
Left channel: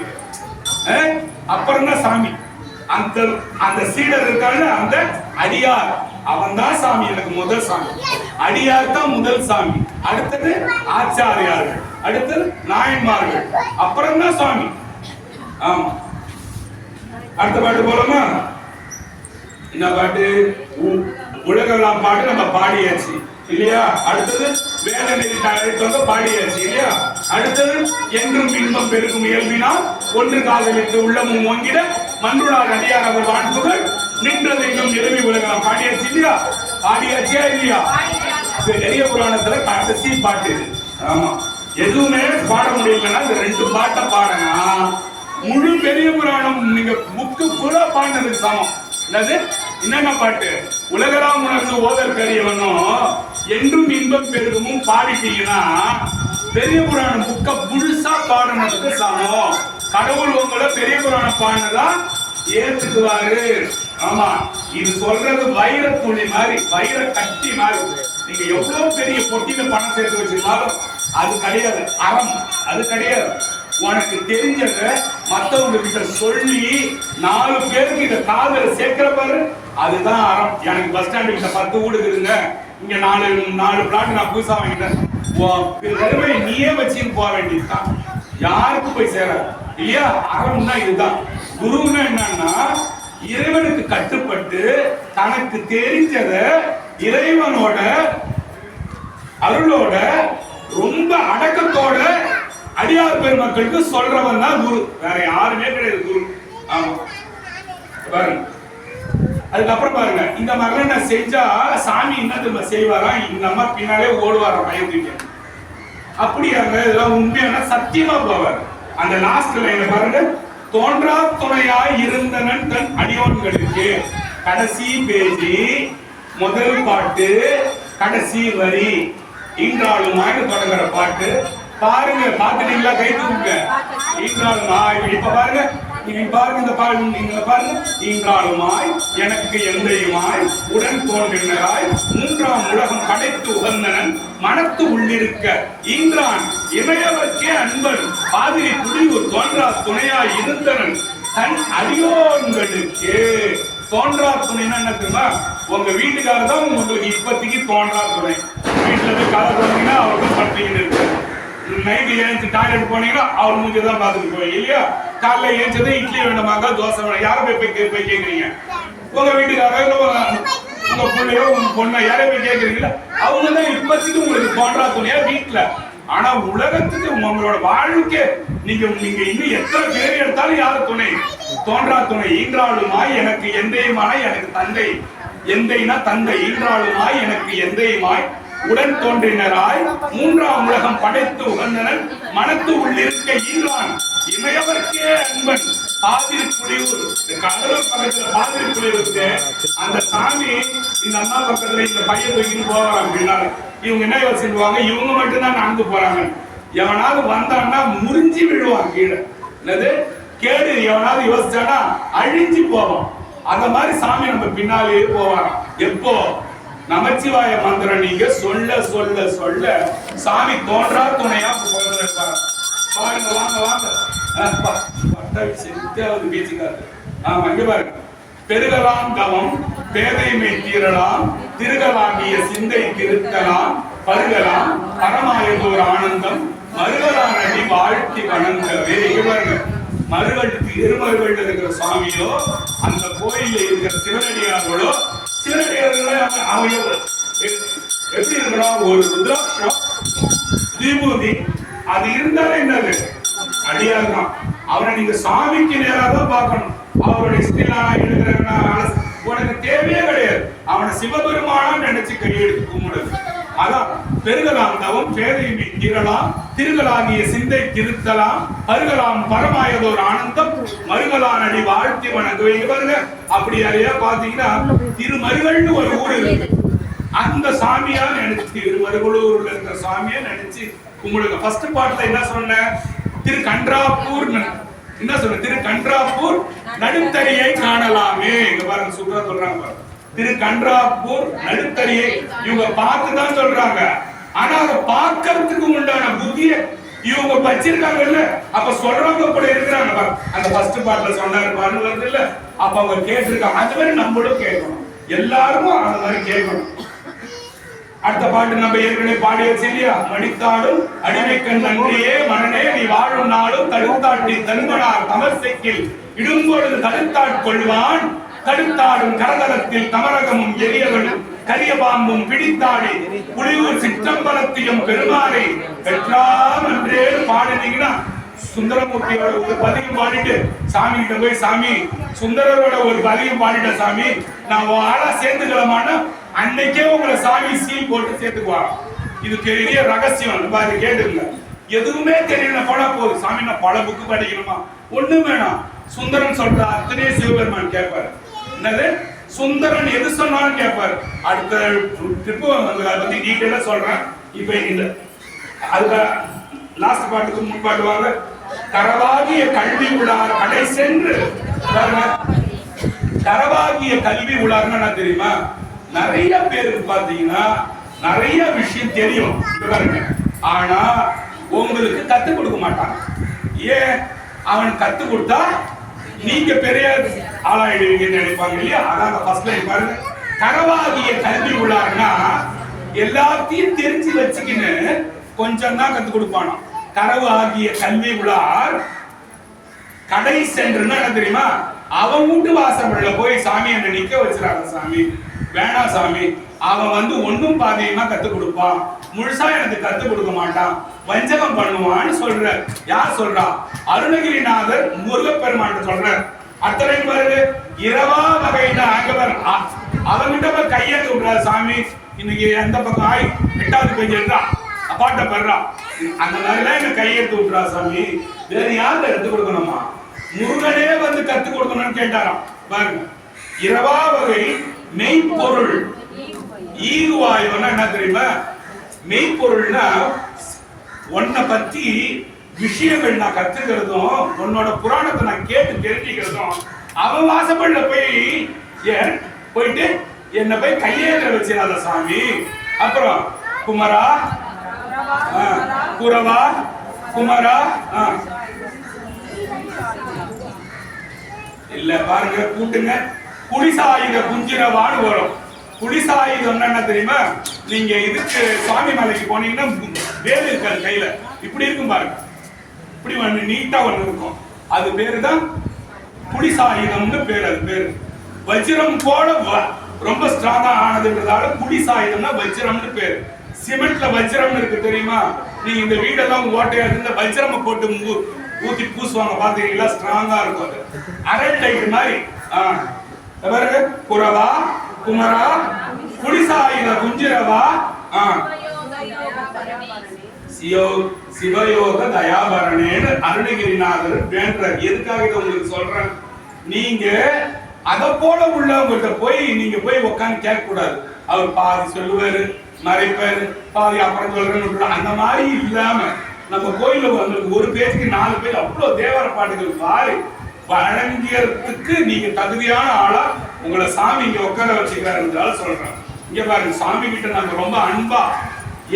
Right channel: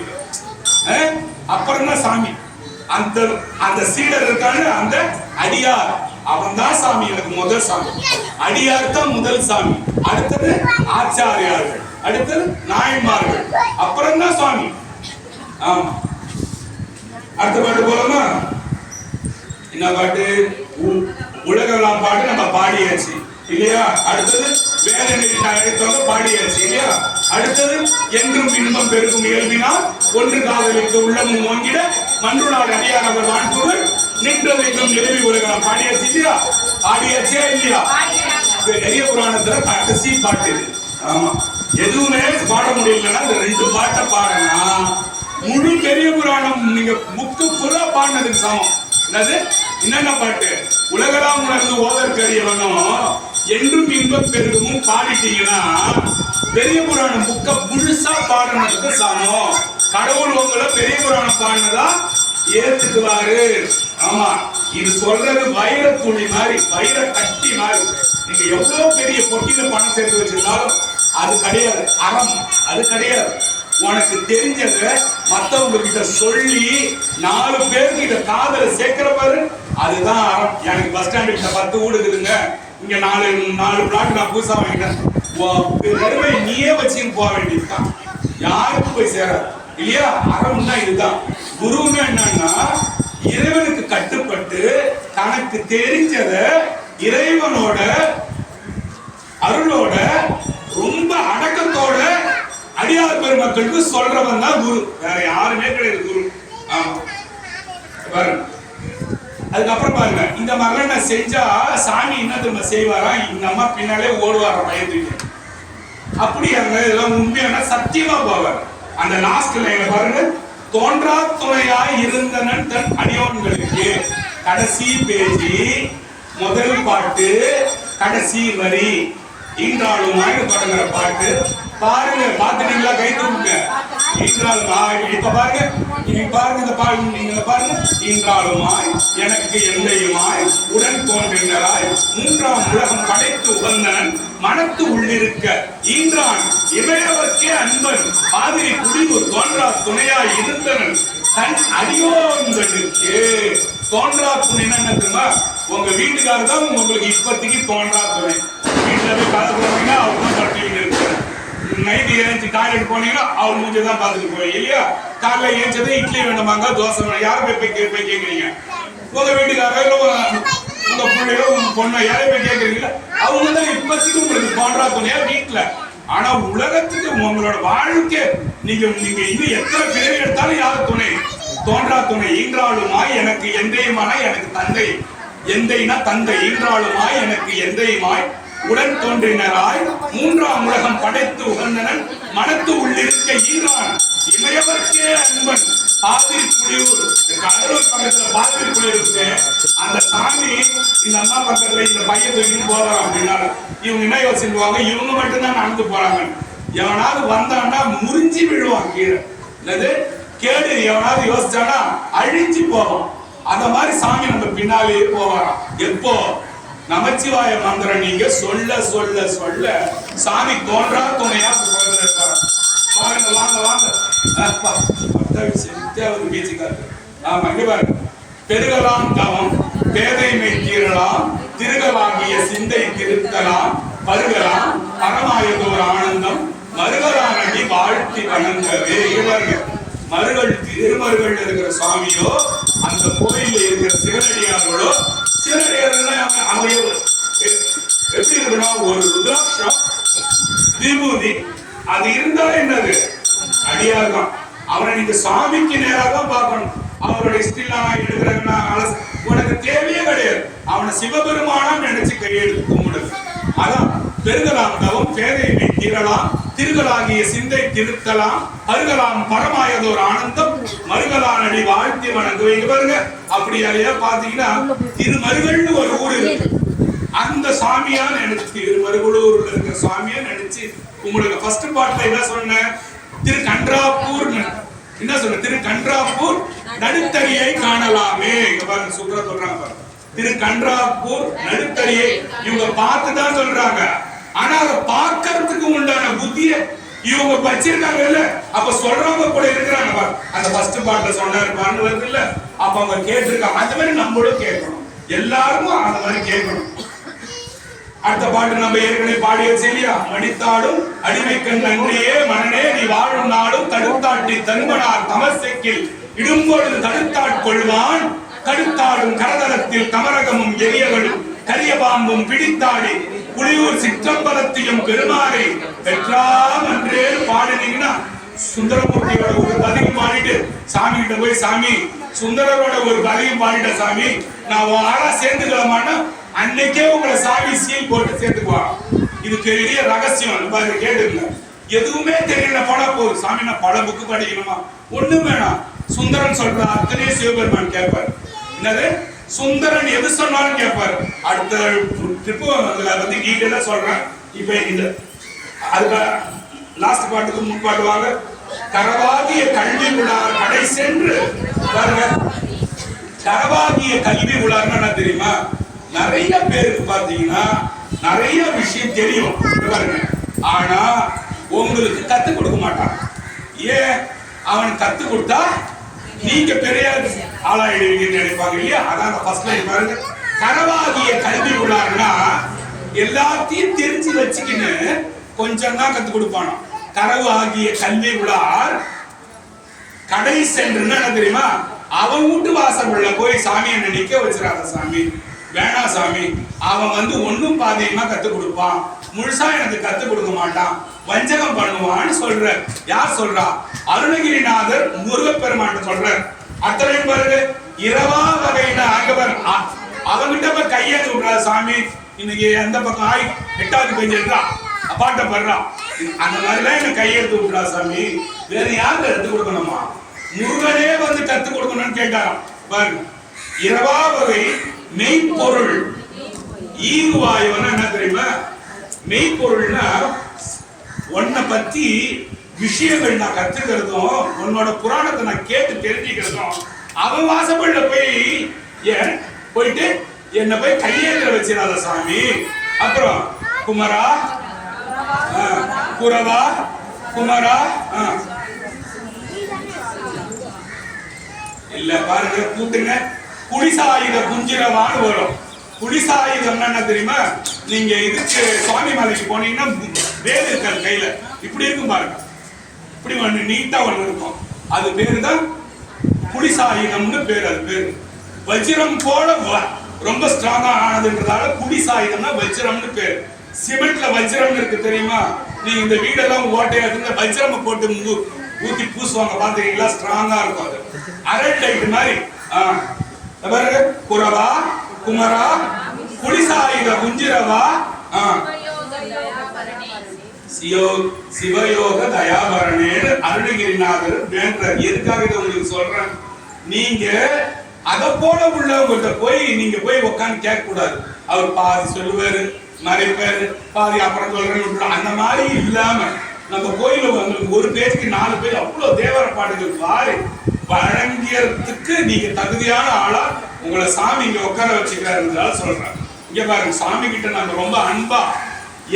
அப்புறம் தான் சாமி. அந்த அந்த சீடர் இருக்காங்க, அந்த அடியார், அவன் தான் சாமி, எனக்கு முதல் சாமி. அடியார் தான் முதல் சாமி, அடுத்தது ஆச்சாரியார்கள், அடுத்தது நாயன்மார்கள், அப்புறம் தான் சுவாமி. ஆமா, அடுத்த பாட்டு போலாமா? என்ன பாட்டு? உலகெல்லாம் பாட்டு நம்ம பாடியாச்சு இல்லையா? அடுத்தது வேதனை அழைத்தவங்க பாடியாச்சு இல்லையா? அடுத்தது என்றும் இன்பம் பெருகும் இயல்பினால் ஒன்று காதலித்து உள்ளமும் ஓங்கிட மன்றுளார் அடியார் அவர் வாழ்த்துகள் நின்றது எங்கும் நிலவி உலகம் பாடியாச்சு இல்லையா? பாடியாச்சியா இல்லையா? பெரிய புராணத்துல கடைசி பாட்டு இது. ஆமா, எதுவுமே பாட முடியலன்னா இந்த 2 பாட்டை பாருங்க, முழு பெரிய புராணம் நீங்க புக்கு ஃபுல்லா பாடினதுக்கு சமம். என்னது? என்னென்ன பாட்டு? உலகெல்லாம் உணர்ந்து ஓதற்கரியவனும் என்றும் இன்பம் பெருகமும் பாடிட்டீங்கன்னா பெரிய புராணம் புக்க முழுசா பாடினதுக்கு சமம். கடவுள் உங்களை பெரிய புராணம் பாடினதா ஏத்துக்குவாரு. ஆமா, இது சொல்றது வைர துளி மாதிரி, வைர கட்டி மாதிரி. நீங்க எவ்வளவு பெரிய பொட்டியில பணம் சேர்த்து வச்சிருந்தாலும் அது கிடையாது அறம், அது கிடையாது. உனக்கு தெரிஞ்சத மத்தவங்க கிட்ட சொல்லி 4 பேருக்கு இத காதல சேர்க்கிற பாரு, அதுதான் அறம். எனக்கு பஸ் ஸ்டாண்ட் கிட்ட 10 வீடு இருக்குங்க, இங்க 4 பிளாட் நான் புதுசா வாங்கிட்டேன், வெறுமை நீயே வச்சுன்னு போக வேண்டியதுதான், யாருக்கும் போய் சேராது இல்லையா? அறம்னா இதுதான். குருன்னா என்னன்னா இறைவனுக்கு கட்டுப்பட்டு தனக்கு தெரிஞ்சத இறைவனோட அருளோட ரொம்ப அடக்கத்தோட அடியார் பெருமக்களுக்கு சொல்றவன் தான் குரு, வேற யாருமே கிடையாது குரு. ஆமா, பாருங்க. அதுக்கப்புறம் பாருங்க, இந்த மாதிரிலாம் நான் செஞ்சா சாமி என்ன திரும்ப செய்வாரா? இந்த அம்மா பின்னாலே ஓடுவாரா பயந்துட்டு. அப்படியாங்க, இதெல்லாம் உண்மையான சத்தியமா போவார். அந்த லாஸ்ட் லைன்ல பாருங்க, தோன்றா துணையாய் இருந்தனன் தன் அடியோன்களுக்கு. கடைசி பேஜி, முதல் பாட்டு, கடைசி வரி, ஈன்றாளுமாய் தொடங்குற பாட்டு பாருங்க. பாத்துட்டீங்களா? கை தூக்குங்க. ஈன்றாளுமாய், இப்ப பாருங்க, நீங்க பாருங்க, இந்த பாருங்க, நீங்க பாருங்க. ஈன்றாளுமாய் எனக்கு எந்தையுமாய் உடன் தோன்றினராய் மூன்றாம் உலகம் படைத்து உகந்தனன் மனத்து உள்ளிருக்க ஈன்றான் இமையவர்க்கே அன்பன் பாதிரி குடியூர் தோன்றா துணையாய் இருந்தனன் தன் அடியோன்களுக்கு. தோன்றா துணைன்னா என்ன தெரியுமா? உங்க வீட்டுக்காரர் தான் உங்களுக்கு இப்போதைக்கு தோன்றா துணை. வீட்டுல போய் கதை போனீங்கன்னா அவர் தான் படுத்துக்கிட்டு இருக்காரு. நைட்டு ஏஞ்சி டாய்லெட் போனீங்கன்னா அவர் மூஞ்சி தான் பார்த்துட்டு போய் இல்லையா? காலைல ஏஞ்சதே இட்லி வேணுமாங்க, தோசை வேணும், யாரை போய் கேட்குறீங்க? உங்க வீட்டுக்காரர் இல்லை உங்க பிள்ளையோ உங்க பொண்ணோ யாரை போய் கேட்குறீங்களா? அவங்க தான் இப்போதைக்கு உங்களுக்கு தோன்றா துணையா வீட்டுல. ஆனா உலகத்துக்கு உங்களோட வாழ்க்கை நீங்க இன்னும் எத்தனை பேர் எடுத்தாலும் யாரு துணை? தோன்றா துணை. ஈன்றாளுமாய் எனக்கு எந்தையுமாய் எனக்கு தந்தை, எந்தைனா தந்தை, ஈன்றாளுமாய் எனக்கு எந்தையுமாய் உடன் தோன்றினராய் மூன்றாம் உலகம் படைத்து உகந்தனன் மனத்து உள்ளிருக்க ஈன்றான் இமையவர்க்கே அன்பன் பாதிரி புலியூர். கடலூர் பக்கத்துல பாதிரி புலியூர் இருக்கு. அந்த சாமி இந்த அண்ணா பக்கத்துல இந்த பையன் தூக்கிட்டு போகலாம் அப்படின்னா இவங்க என்ன யோசிச்சுவாங்க? இவங்க மட்டும்தான் நடந்து போறாங்க. எவனாவது வந்தான்னா முறிஞ்சி விழுவான் கீழே. என்னது கேடு? எவனாவது யோசிச்சானா அழிஞ்சு போவான். அந்த மாதிரி சாமி நம்ம பின்னாலேயே போவாராம். எப்போ? நமச்சிவாய மந்திரம் நீங்க சொல்ல சொல்ல சொல்ல சாமி தோன்றா துணையா இருப்பாரு. பாருங்க, வாங்க வாங்க, பேச்சுக்காரு. ஆமா, இங்க பாருங்க. பெருகலாம் தவம் பேதைமை தீரலாம் திருகலாகிய சிந்தை திருத்தலாம் பருகலாம் பரமாயதோர் ஆனந்தம் மருகலான் அடி வாழ்த்தி வணங்கவே. இங்க பாருங்க, மருகள் திருமருகள் இருக்கிற சுவாமியோ அந்த கோயில்ல இருக்கிற சிவனடியார்களோ, சிவனடியார்கள் எப்படி இருக்கணும்? ஒரு ருத்ராட்சம் விபூதி அது இருந்தாலே என்னது அடியார் தான். அவரை நீங்க சாமிக்கு நேராக தான் பார்க்கணும். அவருடைய ஸ்டில்லாம் எடுக்கிறதுனா உனக்கு தேவையே கிடையாது. அவனை சிவபெருமானா நினைச்சு கையெடுத்து கும்பிடுது. அதான் பெருகலாம் தவம் பேதைமை தீரலாம் திருகலாகிய சிந்தை திருத்தலாம் அருகலாம் பரமாயதோர் ஆனந்தம் மருகலான் அடி வாழ்த்தி வணங்குவீங்க. பாருங்க, அப்படி அதையா பாத்தீங்கன்னா திருமருகல்னு ஒரு ஊர் இருக்கு. அந்த சாமியா நினைச்சு திருமருகலூர்ல இருக்கிற சாமியா நினைச்சு கும்பிடுங்க. ஃபர்ஸ்ட் பார்ட்ல என்ன சொன்ன? திரு கன்றாப்பூர் என்ன சொல்ற? திரு கன்றாப்பூர் நடுத்தறியை காணலாமே. இங்க பாருங்க சூப்பரா சொல்றாங்க பாருங்க. திரு கன்றாப்பூர் நடுத்தறியை இவங்க பார்த்துதான் சொல்றாங்க. ஆனா அதை பார்க்கறதுக்கு உண்டான புத்திய இவங்க வச்சிருக்காங்க இல்ல. அப்ப சொல்றவங்க கூட இருக்கிறாங்க பாரு. அந்த ஃபர்ஸ்ட் பார்ட்ல சொன்னாரு பாருங்க வருது இல்ல. அப்ப அவங்க கேட்டிருக்காங்க. அந்த மாதிரி நம்மளும் கேட்கணும். எல்லாரும் அந்த மாதிரி கேட்கணும். அடுத்த பாட்டு நம்ம ஏற்கனவே பாடியாச்சு இல்லையா? மடித்தாடும் அடிமைக்கண் நன்றியே மனனே நீ வாழும் நாளும் தடுத்தாட்டி தன்மனார் தமசைக்கில் இடும்பொழுது தடுத்தாட்கொள்வான் கடுத்தாடும் கரதலத்தில் தமரகமும் எரியவனும் கரிய பாம்பும் பிடித்தாடி புலியூர் சிற்றம்பலத்தையும் பெருமானை பெற்றாம் என்றே பாடினீங்கன்னா சுந்தரமூர்த்தியோட ஒரு பதிகம் பாடிட்டு சாமி கிட்ட போய் சாமி சுந்தரரோட ஒரு பதிகம் பாடிட்ட சாமி நான் ஆளா சேர்ந்துக்கலாமான்னு அன்னைக்கே உங்களை சாமி சீல் போட்டு சேர்த்துக்குவாங்க. இது பெரிய ரகசியம். பாரு கேட்டுங்க. எதுவுமே தெரியல பட போகுது சாமி நான் பல புக்கு படிக்கணுமா? ஒண்ணு வேணாம். சுந்தரன் சொல்ற அத்தனையும் சிவபெருமான் கேட்பாரு. என்னது சுந்தரன் எது சொன்னாலும் கேட்பாரு. அடுத்த ட்ரிப்பு அதை பத்தி டீட்டெயிலா சொல்றேன். இப்ப இந்த அதுக்கு லாஸ்ட் பாட்டுக்கு முன்பாட்டு வாங்க. கரவாகிய கல்வி உளார் கடை சென்று பாருங்க. கரவாகிய கல்வி உளார்னா என்ன தெரியுமா? நிறைய பேருக்கு பாத்தீங்கன்னா நிறைய விஷயம் தெரியும் பாருங்க. ஆனா உங்களுக்கு கத்து கொடுக்க மாட்டான். ஏன்? அவன் கத்து கொடுத்தா நீங்க பெரிய ஆளாயிடுவீங்கன்னு நினைப்பாங்க இல்லையா? அதான் அந்த ஃபர்ஸ்ட் லைன் பாருங்க. கரவாகிய கல்வி உள்ளார்னா எல்லாத்தையும் தெரிஞ்சு வச்சுக்கின்னு கொஞ்சம் தான் கத்து கொடுப்பானோ. கரவு ஆகிய கல்வி உள்ளார் கடை சென்றுன்னா என்ன தெரியுமா? அவன் வீட்டு வாசல்ல போய் சாமி என்ன நிக்க வச்சிடாத சாமி, வேணாம் சாமி. அவன் ஒன்னும் பாதியமா கத்து கொடுப்பான், முழுசா எனக்கு கத்து கொடுக்க மாட்டான், வஞ்சகம் பண்ணுவான்னு சொல்ற. யார் சொல்றா? அருணகிரிநாதர் முருகப்பெருமான் சொல்ற. அத்தனையும் பாருங்க. இரவா வகையின ஆகவர் அவங்கிட்ட போய் கையேந்து விடுறா சாமி. இன்னைக்கு எந்த பக்கம் ஆய் 8வது பேஜ் எடுறா அப்பாட்ட படுறா. அந்த மாதிரிலாம் என்ன கையெழுத்து விட்டுறா சாமி. வேற யாரு எடுத்து கொடுக்கணுமா? முருகனே கத்து கொடுக்கணும்னு கேட்டாராம் பாருங்க. இரவா வகை மெய்ப்பொருள் ஈகுவாயுன்னா என்ன தெரியுமா? மெய்ப்பொருள்னா உன்னை பத்தி விஷயங்கள் நான் கத்துக்கிறதும் உன்னோட புராணத்தை நான் கேட்டு தெரிஞ்சுக்கிறதும். அவன் வாசப்பள்ள போயிட்டு என்ன போய் கையேற்ற வச்சிடாத சாமி. அப்புறம் குமரா குரவா குமரா இல்ல பாருங்க கூட்டுங்க. குடிசாயுத குஞ்சிரவான்னு வரும். குடிசாயுதம் என்ன தெரியுமா? நீங்க இதுக்கு சுவாமி மலைக்கு போனீங்கன்னா வேல் இருக்காது கையில, இப்படி இருக்கும் பாருங்க. இப்படி நீட்டா ஒண்ணு இருக்கும். அது பேரு தான் குடிசாயுதம்னு பேரு. அது பேரு வஜ்ரம் போல ரொம்ப ஸ்ட்ராங்கா ஆனதுன்றதால குடிசாயுதம்னா வஜ்ரம்னு பேரு. சிமெண்ட்ல வஜ்ரம் இருக்கு தெரியுமா? நீங்க இந்த வீடெல்லாம் ஓட்டையா இந்த வஜ்ரம் போட்டு ஊத்தி பூசுவாங்க பாத்தீங்களா? ஸ்ட்ராங்கா இருக்கும். அது அரட்டைட் மாதிரி. பாருங்க. குரவா குமரா குடிசாயுத குஞ்சிரவா சிவயோக தயாபரணேன்னு அருணகிரிநாதர் வேண்டார். எதுக்காக இதை உங்களுக்கு சொல்றேன்? நீங்க அத போல உள்ளவங்கள்ட்ட போய் நீங்க போய் உட்காந்து கேட்க கூடாது. அவர் பாதி சொல்லுவாரு, மறைப்பாரு, பாதி அப்புறம் சொல்றேன்னு. அந்த மாதிரி இல்லாம நம்ம கோயில உங்களுக்கு ஒரு பேஜுக்கு 4 பேஜ் அவ்வளவு தேவர பாட்டுகள் பாரு வழங்கியதுக்கு நீங்க தகுதியான ஆளா உங்களை சாமி இங்க உட்கார வச்சுக்கிறாருன்றதால சொல்றேன். இங்க பாருங்க. சாமி கிட்ட நம்ம ரொம்ப அன்பா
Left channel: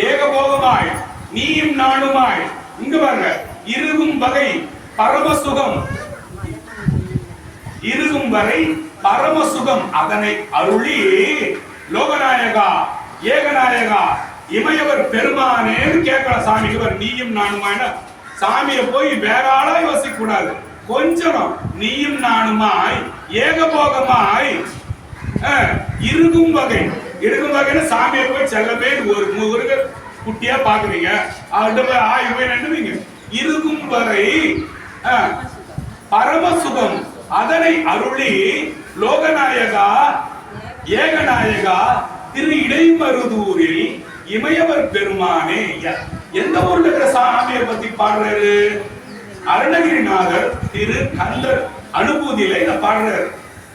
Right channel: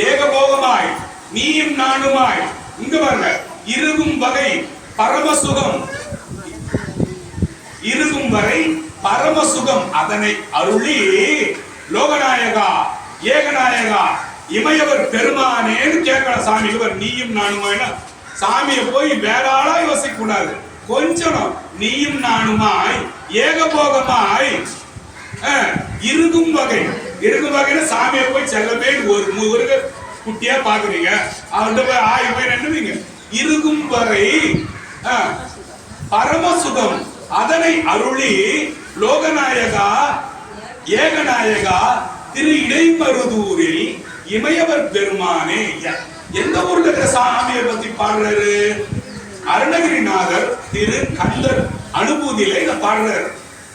ஏகபோகமாய் நீயும் நானுமாய். இங்க பாருங்க. இருகும் வகை பரமசுகம், இருக்கும் வரை பரமசுகம் அதனை அருளி லோகநாயகா ஏகநாயகா இமையவர் பெருமானேன்னு கேட்கலாம் சாமிக்கு. நீயும் நானுமாய்னா சாமியை போய் வேற ஆளா யோசிக்க கூடாது. கொஞ்சம் நீயும் நானுமாய் ஏகபோகமாய் இருக்கும் வகை. இருக்கும் வகைன்னு சாமியை போய் செல்லமே ஒரு முருக குட்டியா பாக்குறீங்க. அவர்கிட்ட போய் போய் நின்றுவீங்க. இருக்கும் வரை பரமசுகம் அதனை அருளி லோகநாயகா ஏகநாயகா திரு இடைமருதூரில் இமையவர் பெருமானே. எந்த ஊர்ல இருக்கிற சாமியை பத்தி பாடுறாரு? அருணகிரிநாதர் திரு கந்தர் அனுபூதியில இத பாடுறாரு.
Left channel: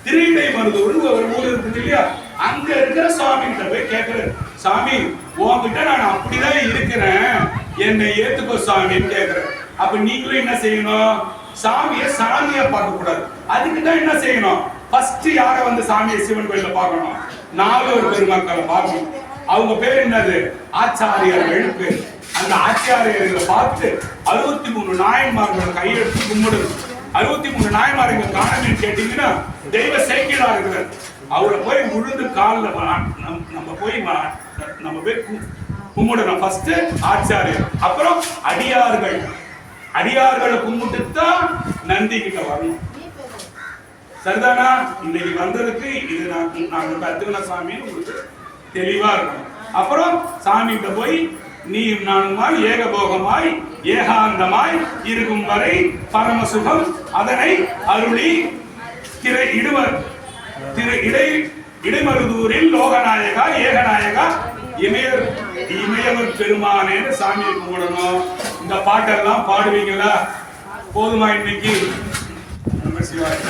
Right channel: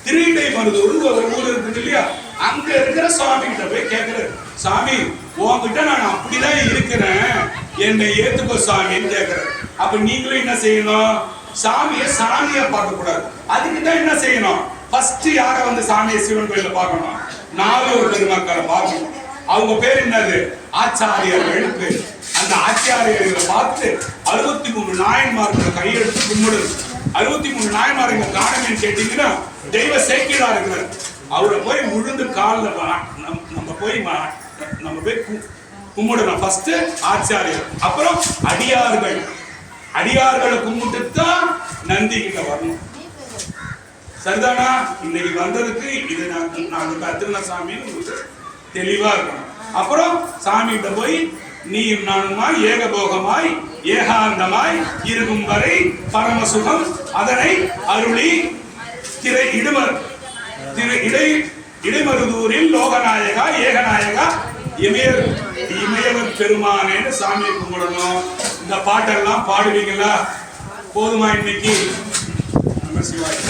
திரு இடைமருதூர் ஒரு ஊர் இருக்குது இல்லையா? அங்க இருக்கிற சுவாமி கிட்ட போய் கேட்கிறாரு. சாமி உன்கிட்ட நான் அப்படிதான் இருக்கிறேன், என்னை ஏத்துக்கோ சாமின்னு கேட்கிறாரு. அப்ப நீங்களும் என்ன செய்யணும்? சாமியை பார்க்க கூடாது. அதுக்கு தான் என்ன செய்யணும்? ஃபர்ஸ்ட் யார வந்து சாமியை சிவன் கோயில்ல பார்க்கணும்? நால்வர் பெருமக்களை பார்க்கணும். அவங்க பேர் என்னது? ஆச்சாரியர்கள் பேர். அந்த ஆச்சாரியர்களை பார்த்து 63 நாயன்மார்களை கையெடுத்து கும்பிடணும். 63 நாயன்மார் இங்க காணமேன்னு கேட்டீங்கன்னா தெய்வ சேக்கிழா இருக்கிறார். அவரை போய் விழுந்து காலில் நம்ம போய் கும்பிடணும். ஃபர்ஸ்ட் ஆச்சாரியர், அப்புறம் அடியார்களை கும்பிட்டு தான் நந்தி கிட்ட வரணும். சரிதானா? இன்னைக்கு வந்ததுக்கு இது நாங்க கத்துக்கின சாமின்னு உங்களுக்கு தெளிவா இருக்கணும். அப்புறம் சாமி கிட்ட போய் நீ நானுமாய் ஏகபோகமாய் ஏகாந்தமாய் இருக்கும் வரை பரமசுகம் அதனை அருளி இடைமருதூரில் லோகநாயகா ஏகநாயகா இமயவர் பெருமானேன்னு சாமியை கும்பிடணும். இந்த பாட்டெல்லாம் பாடுவீங்களா? போதுமா இன்னைக்கு? நம்ம சிவாய்